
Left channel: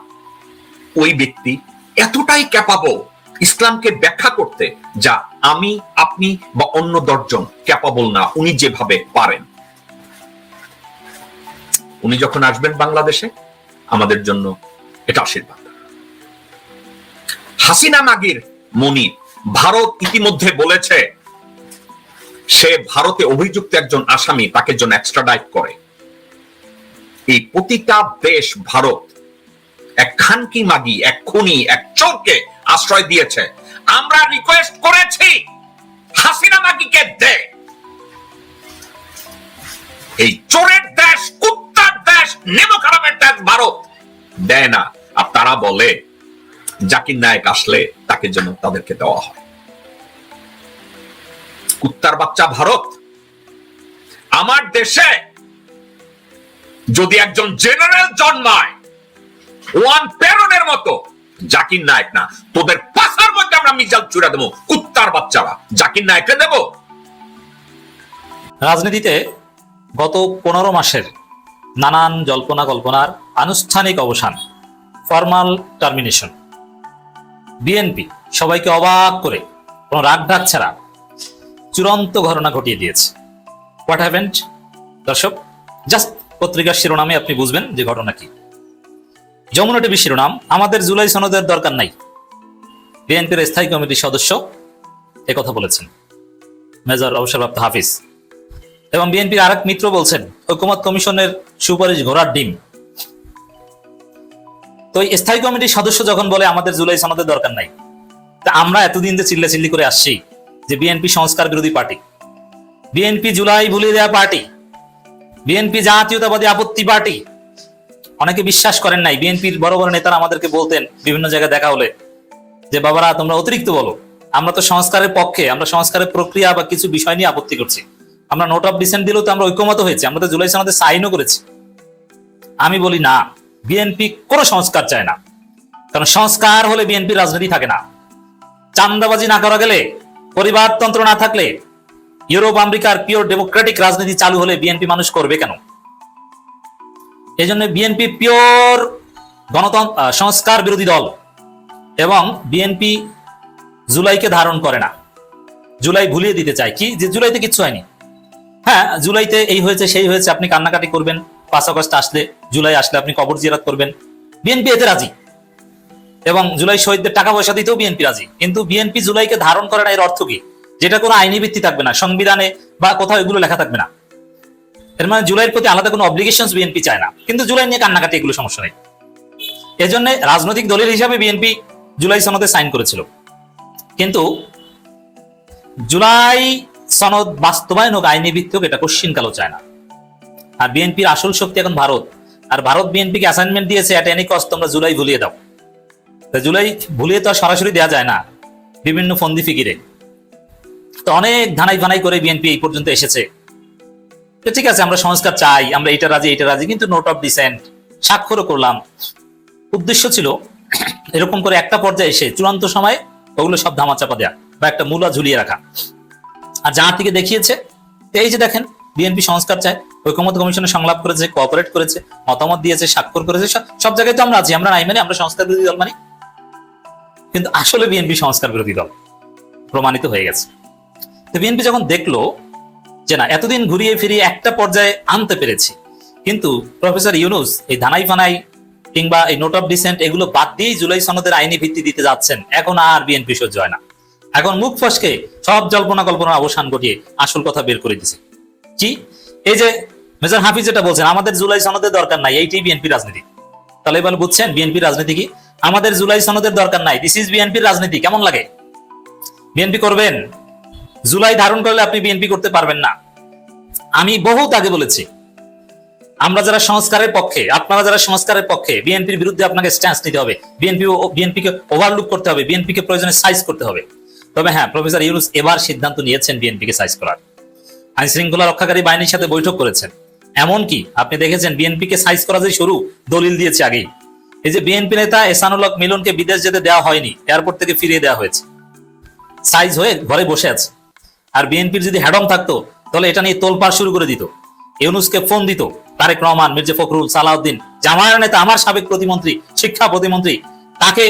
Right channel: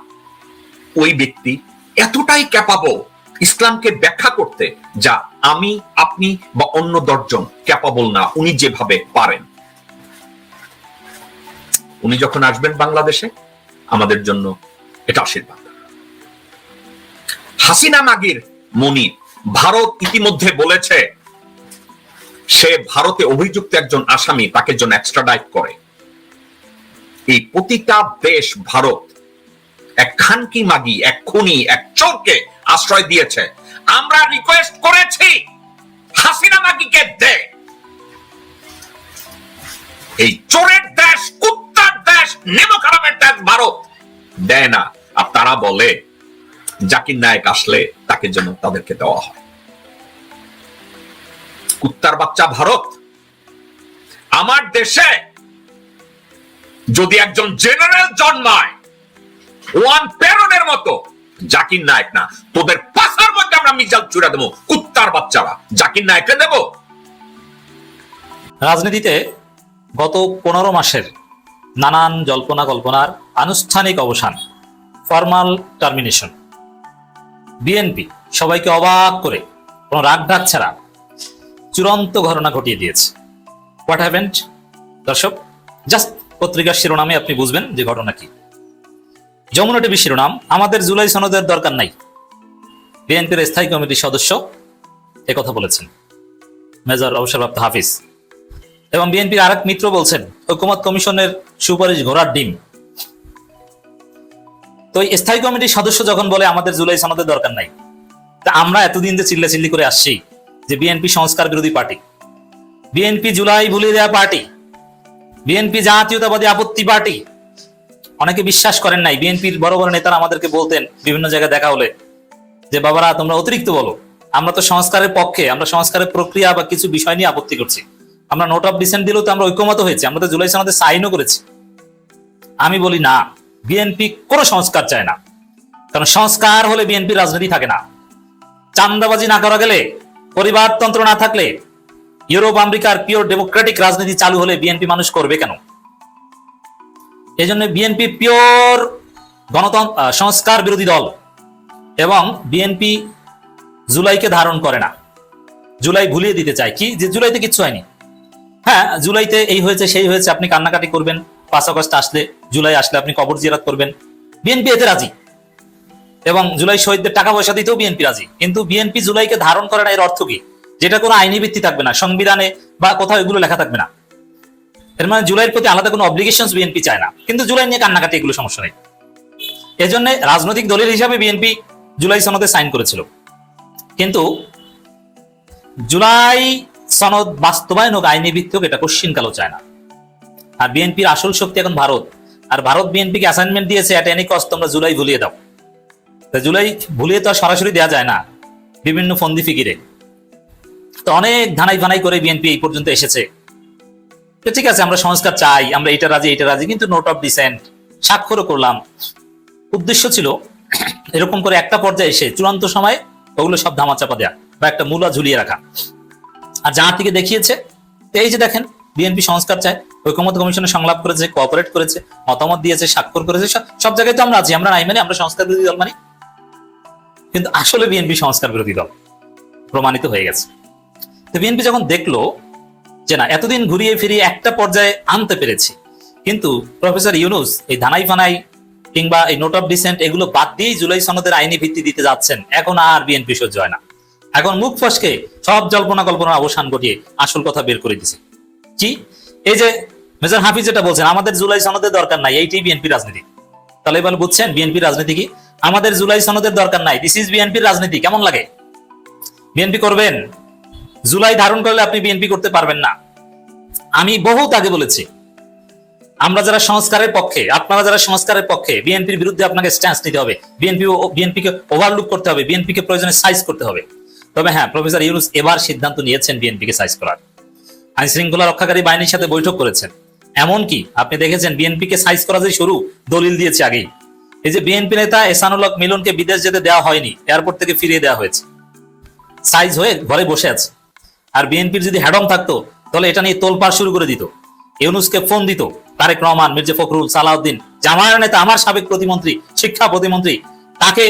ওই ব্যক্তি এতটাই ক্যাপাবল ইসলামকে ব্যাখ্যা করতে, যা আমি, আপনি বা অন্য 10 জন ক্যাপাবল না। উনি যেভাবে পারেন, উনি যখন আসবেন বাংলাদেশে, আমাদের জন্য এটা আশীর্বাদ। হাসিনা মাগির মনির ভারত ইতিমধ্যে বলেছে সে ভারতে অভিযুক্ত একজন আসামি, তাকে জন্য এক্সট্রাডাইট করে। এই প্রতিটা দেশ ভারত এক খানকি মাগি, এক খুনি, এক চোরকে আশ্রয় দিয়েছে। আমরা রিকোয়েস্ট করেছি হাসিনা মাগিকে দে। এই চোরের দেশ, কুত্তার দেশ, নেমো খারাপের দেশ ভারত দেয় না। আর তারা বলে জাকির নায়েক আসলে তাকে যেন তাদেরকে দেওয়া হয়। কুত্তার বাচ্চা ভারত। আমার দেশে যদি একজন জেনারেল জন্মায়, ওয়ান পেরনের মতো, জাকির নায়েক না, তোদের পাশার মধ্যে আমরা মিসাইল ছুড়ে দেবো। কুত্তার বাচ্চারা জাকির নায়েককে দেব। রাজনীতিতে গত 15 মাসের নানান জল্পনা কল্পনার আনুষ্ঠানিক অবসান, ফর্মাল টার্মিনেশন। বিএনপি সবাইকে অবাক করে কোনো রাগঢাক ছাড়া চূড়ান্ত ঘটনা ঘটিয়ে দিয়েছে। What happened? দর্শক, জাস্ট পত্রিকার শিরোনামে আপনি বুঝবেন যে ঘটনা কি। যমুনা টিভি শিরোনাম, আমাদের জুলাই সনদের দরকার নাই। বিএনপির স্থায়ী কমিটির সদস্য একথা বলেছেন, মেজর অবসরপ্রাপ্ত হাফিজ। এবং বিএনপির আরেক মিত্র বলছেন ঐকমত্য কমিশনের সুপারিশ ঘোড়ার ডিম। তো এই স্থায়ী কমিটির সদস্য যখন বলে আমাদের জুলাই সনদের দরকার নাই, তা আমরা এতদিন যে চিল্লাচিল্লি করে আসছি যে বিএনপি সংস্কার বিরোধী পার্টি, বিএনপি জুলাই ভুলিয়ে দেওয়া পার্টি, বিএনপি জাতীয়তাবাদী আপত্তি পার্টি। অনেকে বিশ্বাস করেন নাই। বিএনপির বড় বড় নেতারা আমাদেরকে বলতেন বিভিন্ন জায়গায় দেখা হলে যে বাবারা তোমরা অতিরিক্ত বলো, আমরা তো সংস্কারের পক্ষে, আমরা সংস্কারের প্রক্রিয়া বা কিছু বিষয় নিয়ে আপত্তি করছি। আমরা নোট অফ ডিসেন্ট দিলেও তো আমরা ঐক্যমত হয়েছি, আমরা তো জুলাই সনদে সাইনও করেছি। আমি বলি না, বিএনপি কোনো সংস্কার চায় না। কারণ সংস্কার হলে বিএনপি রাজনীতি থাকে না। চান্দাবাজি না করা গেলে, পরিবারতন্ত্র না থাকলে, ইউরোপ আমেরিকার পিওর ডেমোক্রেটিক রাজনীতি চালু হলে বিএনপি মানুষ করবে কেন? এই জন্য বিএনপি পিওর গণতন্ত্র সংস্কার বিরোধী দল। এবং বিএনপি জুলাইকে ধারণ করে না, জুলাই ভুলিয়ে দিতে চায়। কি যে জুলাইতে কিচ্ছু হয়নি। হ্যাঁ, জুলাইতে এই হয়েছে সেই হয়েছে, আপনি কান্নাকাটি করবেন। 5 আগস্ট আসলে, জুলাই আসলে আপনি কবর জিয়ারত করবেন, বিএনপি এতে রাজি। এবং জুলাই শহীদদের টাকা পয়সা দিতেও বিএনপি রাজি। কিন্তু বিএনপি জুলাইকে ধারণ করে না, এর অর্থ কি? যেটা কোনো আইনি ভিত্তি থাকবে না, সংবিধানে বা কোথাও এগুলো লেখা থাকবে না। এর মানে জুলাইয়ের প্রতি আলাদা কোনো অব্লিগেশনস বিএনপি চায় না। কিন্তু জুলাই নিয়ে কান্নাকাটি এগুলো সমস্যা নেই। এজন্য রাজনৈতিক দলের হিসাবে বিএনপি জুলাই সনদে সাইন করেছিল। কিন্তু জুলাই সনদ বাস্তবায়ন হোক আইনি ভিত্তি হোক, এটা কোশ্চিনকালও চায় না। আর বিএনপির আসল শক্তি এখন ভারত। আর ভারত বিএনপিকে অ্যাসাইনমেন্ট দিয়েছে এট এনি কস্ট তোমরা জুলাই ভুলিয়ে দাও। জুলাই ভুলিয়ে তো সরাসরি দেওয়া যায় না, বিভিন্ন ফন্দি ফিকিরে। তো অনেক ধানাই ফানাই করে বিএনপি এই পর্যন্ত এসেছে। ঠিক আছে, আমরা সংস্কার চাই, আমরা এটা রাজি এটা রাজি, কিন্তু নোট অফ ডিসেন্ট স্বাক্ষরও করলাম। উদ্দেশ্য ছিল এরকম করে একটা পর্যায়ে এসে চূড়ান্ত সময় ওগুলো সব ধামাচাপা দেয়া বা একটা মূলা ঝুলিয়ে রাখা। আর যার থেকে দেখিয়েছে এই যে দেখেন, বিএনপি সংস্কার চায়, ঐকমত্য কমিশনে সংলাপ করেছে, কোঅপারেট করেছে, মতামত দিয়েছে, স্বাক্ষর করেছে, সব জায়গায় তো আমরা আছি। আমরা নাই মানে আমরা সংস্কার বিরোধী দল মানি, কিন্তু আসলে বিএনপি সংস্কার বিরোধী দল প্রমাণিত হয়ে গেছে। তো বিএনপি যখন দেখলো যে না, এতদিন ঘুরিয়ে ফিরিয়ে একটা পর্যায়ে আনতে পেরেছি, কিন্তু প্রফেসর ইউনূস এই ধানাই ফানাই কিংবা এই নোট অফ ডিসেন্ট এগুলো বাদ দিয়েই জুলাই সনদের আইনি ভিত্তি দিতে যাচ্ছেন, এখন আর বিএনপি সহ্য হয় না। এখন মুখ ফসকে সব জল্পনা কল্পনার অবসান ঘটিয়ে আসল কথা বের করে দিচ্ছে। কি এই যে মেজর হাফিজ যেটা বলছেন, আমাদের জুলাই সনদের দরকার নাই, এইটাই বিএনপি রাজনীতি। তাহলে এবার বুঝছেন বিএনপি রাজনীতি কি? আমাদের জুলাই সনদের দরকার নাই, দিস ইজ বিএনপির রাজনীতি। কেমন লাগে? বিএনপি করবেন? জুলাই ধারণ করলে আপনি বিএনপি করতে পারবেন না। আমি বহুত আগে বলেছি, আমরা যারা সংস্কারের পক্ষে, আপনারা যারা সংস্কারের পক্ষে, বিএনপির বিরুদ্ধে আপনাকে স্ট্যান্স নিতে হবে, বিএনপিকে ওভারলুক করতে হবে, বিএনপিকে প্রয়োজনে সাইজ করতে হবে। তবে হ্যাঁ, প্রফেসর ইউনূস এবার সিদ্ধান্ত নিয়েছেন বিএনপিকে সাইজ করার। আইন শৃঙ্খলা রক্ষাকারী বাহিনীর সাথে বৈঠক করেছেন। এমনকি আপনি দেখেছেন বিএনপিকে সাইজ করা যে শুরু, দলিল দিয়েছে আগেই। এই যে বিএনপি নেতা এহসানুল হক মিলনকে বিদেশ যেতে দেওয়া হয়নি, এয়ারপোর্ট থেকে ফিরিয়ে দেওয়া হয়েছে, সাইজ হয়ে ঘরে বসে আছে। আর বিএনপির যদি হ্যাডম থাকতো তাহলে এটা নিয়ে তোলপাড় শুরু করে দিত, ইউনূসকে ফোন দিত, তারেক রহমান, মির্জা ফখরুল, সালাউদ্দিন, জামায়াতের নেতা, আমার সাবেক প্রতিমন্ত্রী, শিক্ষা প্রতিমন্ত্রী, তাকে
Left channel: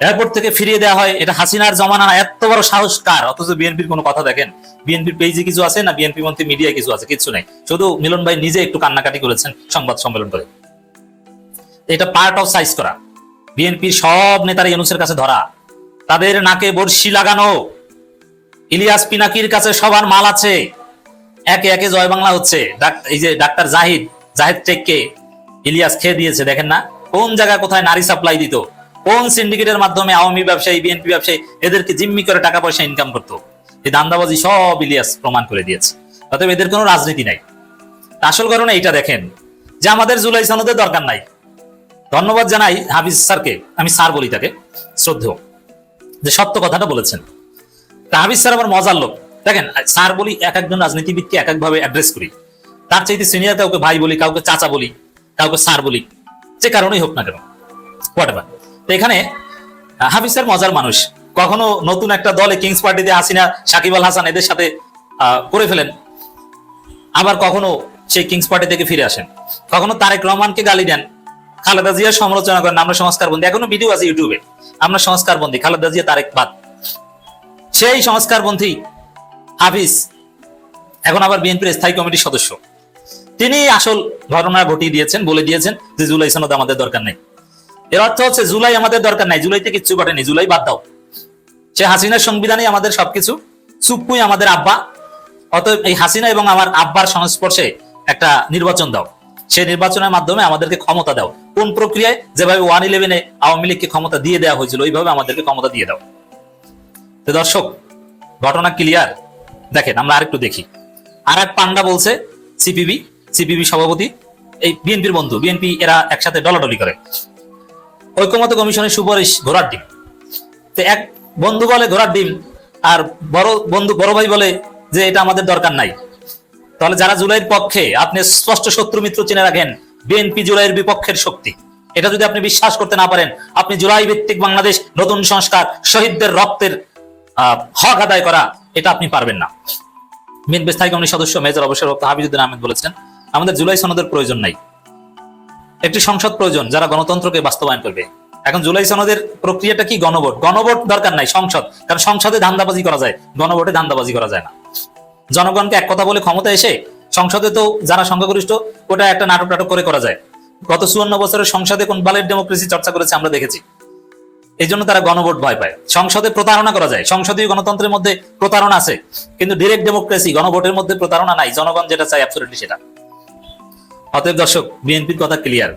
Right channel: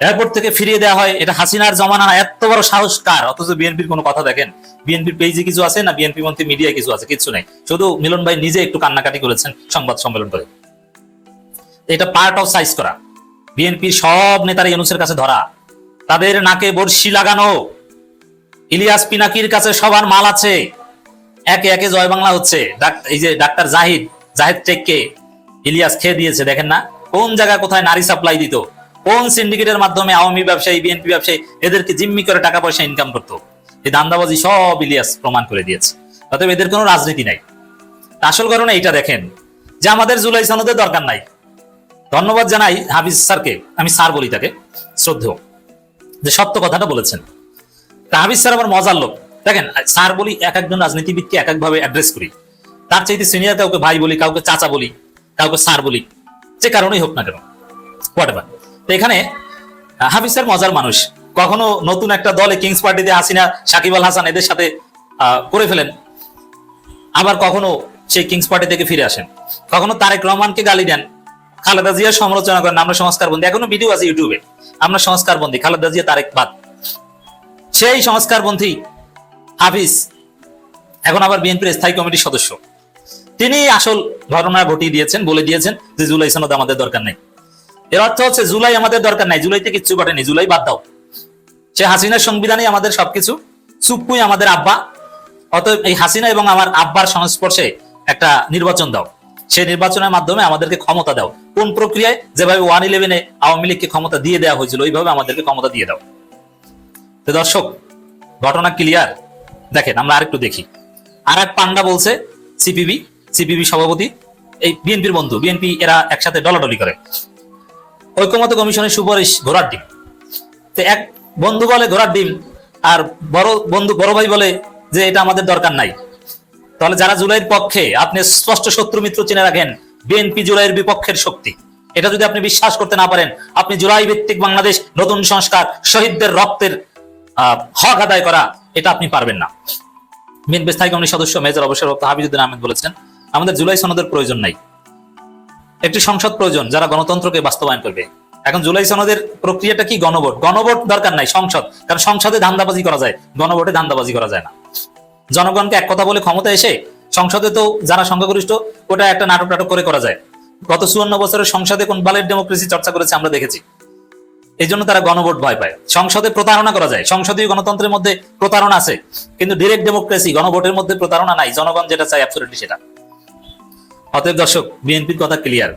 এয়ারপোর্ট থেকে ফিরিয়ে দেওয়া হয়, এটা হাসিনার জমানা না। এত বড় সাহস কার? অথচ বিএনপির কোনো কথা দেখেন, বিএনপির পেজে কিছু আছে না, বিএনপি মন্ত্রী মিডিয়া কিছু আছে? কিছু নেই। শুধু মিলন ভাই নিজে একটু কান্নাকাটি করেছেন সংবাদ সম্মেলন করে। এটা পার্ট অফ সাইজ করা। বিএনপির সব নেতারা ইউনূসের কাছে ধরা, তাদের নাকে বর্ষি লাগানো। ইলিয়াস পিনাকির কাছে সবার মাল আছে, একে একে জয় বাংলা হচ্ছে। এই যে ডাক্তার জাহিদ টেককে ইলিয়াস খেয়ে দিয়েছে, দেখেন না কোন জায়গায় কোথায় নারী সাপ্লাই দিত, কোন সিন্ডিকেটের মাধ্যমে আওয়ামী ব্যবসায়ী, বিএনপি ব্যবসায়ী এদেরকে জিম্মি করে টাকা পয়সা ইনকাম করতো। এই দান্দাবাজি সব ইলিয়াস প্রমাণ করে দিয়েছে। অতএব এদের কোনো রাজনীতি নাই। আসল কারণে এইটা দেখেন যে আমাদের জুলাই সনদের দরকার নাই। ধন্যবাদ জানাই হাফিজ স্যারকে, আমি স্যার বলি তাকে, শ্রদ্ধেয়, যে সত্য কথাটা বলেছেন। তা হাফিজ স্যার আমার মজার লোক। দেখেন স্যার বলি, এক একজন রাজনীতিবিদকে এক একভাবে অ্যাড্রেস করি। তার চাইতে সিনিয়র কাউকে ভাই বলি, কাউকে চাচা বলি, কাউকে স্যার বলি, যে কারণেই হোক না কেন, হোয়াটএভার। তো এখানে হাফিজ স্যার মজার মানুষ। কখনো নতুন একটা দলে কিংস পার্টিতে হাসিনা, সাকিব আল হাসান এদের সাথে করে ফেলেন, আবার কখনো সেই কিংস পার্টি থেকে ফিরে আসেন। কখনো তারেক রহমানকে গালি দেন, খালেদা জিয়ার সমালোচনা করেন, আমরা সংস্কারবন্দী। এখনো ভিডিও আছে ইউটিউবে, আমরা সংস্কারবন্দী, খালেদা জিয়া তারেক বাদ। সেই সংস্কারপন্থী হাফিজ এখন আবার বিএনপির স্থায়ী কমিটির সদস্য। তিনি আসল ঘটনা ঘটিয়ে দিয়েছেন, বলে দিয়েছেন যে জুলাই সনদ আমাদের দরকার নাই। এর অর্থ হচ্ছে জুলাই আমাদের দরকার নাই, জুলাইতে কিচ্ছু ঘটেনি, জুলাই বাদ দাও। সে হাসিনার সংবিধানে আমাদের সবকিছু, চুপ্পুই আমাদের আব্বা। অতএব এই হাসিনা এবং আমার আব্বার সংস্পর্শে একটা নির্বাচন দাও, সেই নির্বাচনের মাধ্যমে আমাদেরকে ক্ষমতা দাও। কোন প্রক্রিয়ায়? যেভাবে 111-এ আওয়ামী লীগকে ক্ষমতা দিয়ে দেওয়া হয়েছিল, ওইভাবে আমাদেরকে ক্ষমতা দিয়ে দাও। তো দর্শক, ঘটনা ক্লিয়ার। দেখেন আমরা আরেকটু দেখি। আর এক পান্ডা বলছে সিপিবি সভাপতি, এই বিএনপির বন্ধু, বিএনপি এরা একসাথে ডলাডলি করে। ঐক্যমত্য কমিশনের সুপারিশ ঘোড়ার ডিম। তো এক বন্ধু বলে ঘোড়ার ডিম, আর বড় ভাই বলে যে এটা আমাদের দরকার নাই। তাহলে যারা জুলাইয়ের পক্ষে, আপনি স্পষ্ট শত্রু মিত্র চিনে রাখেন, বিএনপি জুলাইয়ের বিপক্ষের শক্তি। এটা যদি আপনি বিশ্বাস করতে না পারেন, আপনি জুলাই ভিত্তিক বাংলাদেশ, নতুন সংস্কার, শহীদদের রক্তের হক আদায় করা, এটা আপনি পারবেন না। বিএনপি স্থায়ী কমিটির সদস্য মেজর অবসরপ্রাপ্ত হাফিজউদ্দিন আহমেদ বলেছেন, আমাদের জুলাই সনদের প্রয়োজন নাই, একটি সংসদ প্রয়োজন যারা গণতন্ত্রকে বাস্তবায়ন করবে। এখন জুলাই সনদের প্রক্রিয়াটা কি? গণভোট দরকার নাই, সংসদ। কারণ সংসদে ধান্দাবাজি করা যায়, গণভোটে ধান্দাবাজি করা যায় না। জনগণকে এক কথা বলে ক্ষমতা এসে সংসদে তো যারা সংখ্যাগরিষ্ঠ, ওটা একটা নাটক করে করা যায়। গত 54 বছরের সংসদে কোন ব্যালেট ডেমোক্রেসি চর্চা করেছে আমরা দেখেছি। এই জন্য তারা গণভোট ভয় পায়। সংসদে প্রতারণা করা যায়, সংসদীয় গণতন্ত্রের মধ্যে প্রতারণা আছে, কিন্তু ডিরেক্ট ডেমোক্রেসি, গণভোটের মধ্যে প্রতারণা নাই। জনগণ যেটা চায় অ্যাবসলিউটলি সেটা। অতএব দর্শক, বিএনপির কথা ক্লিয়ার।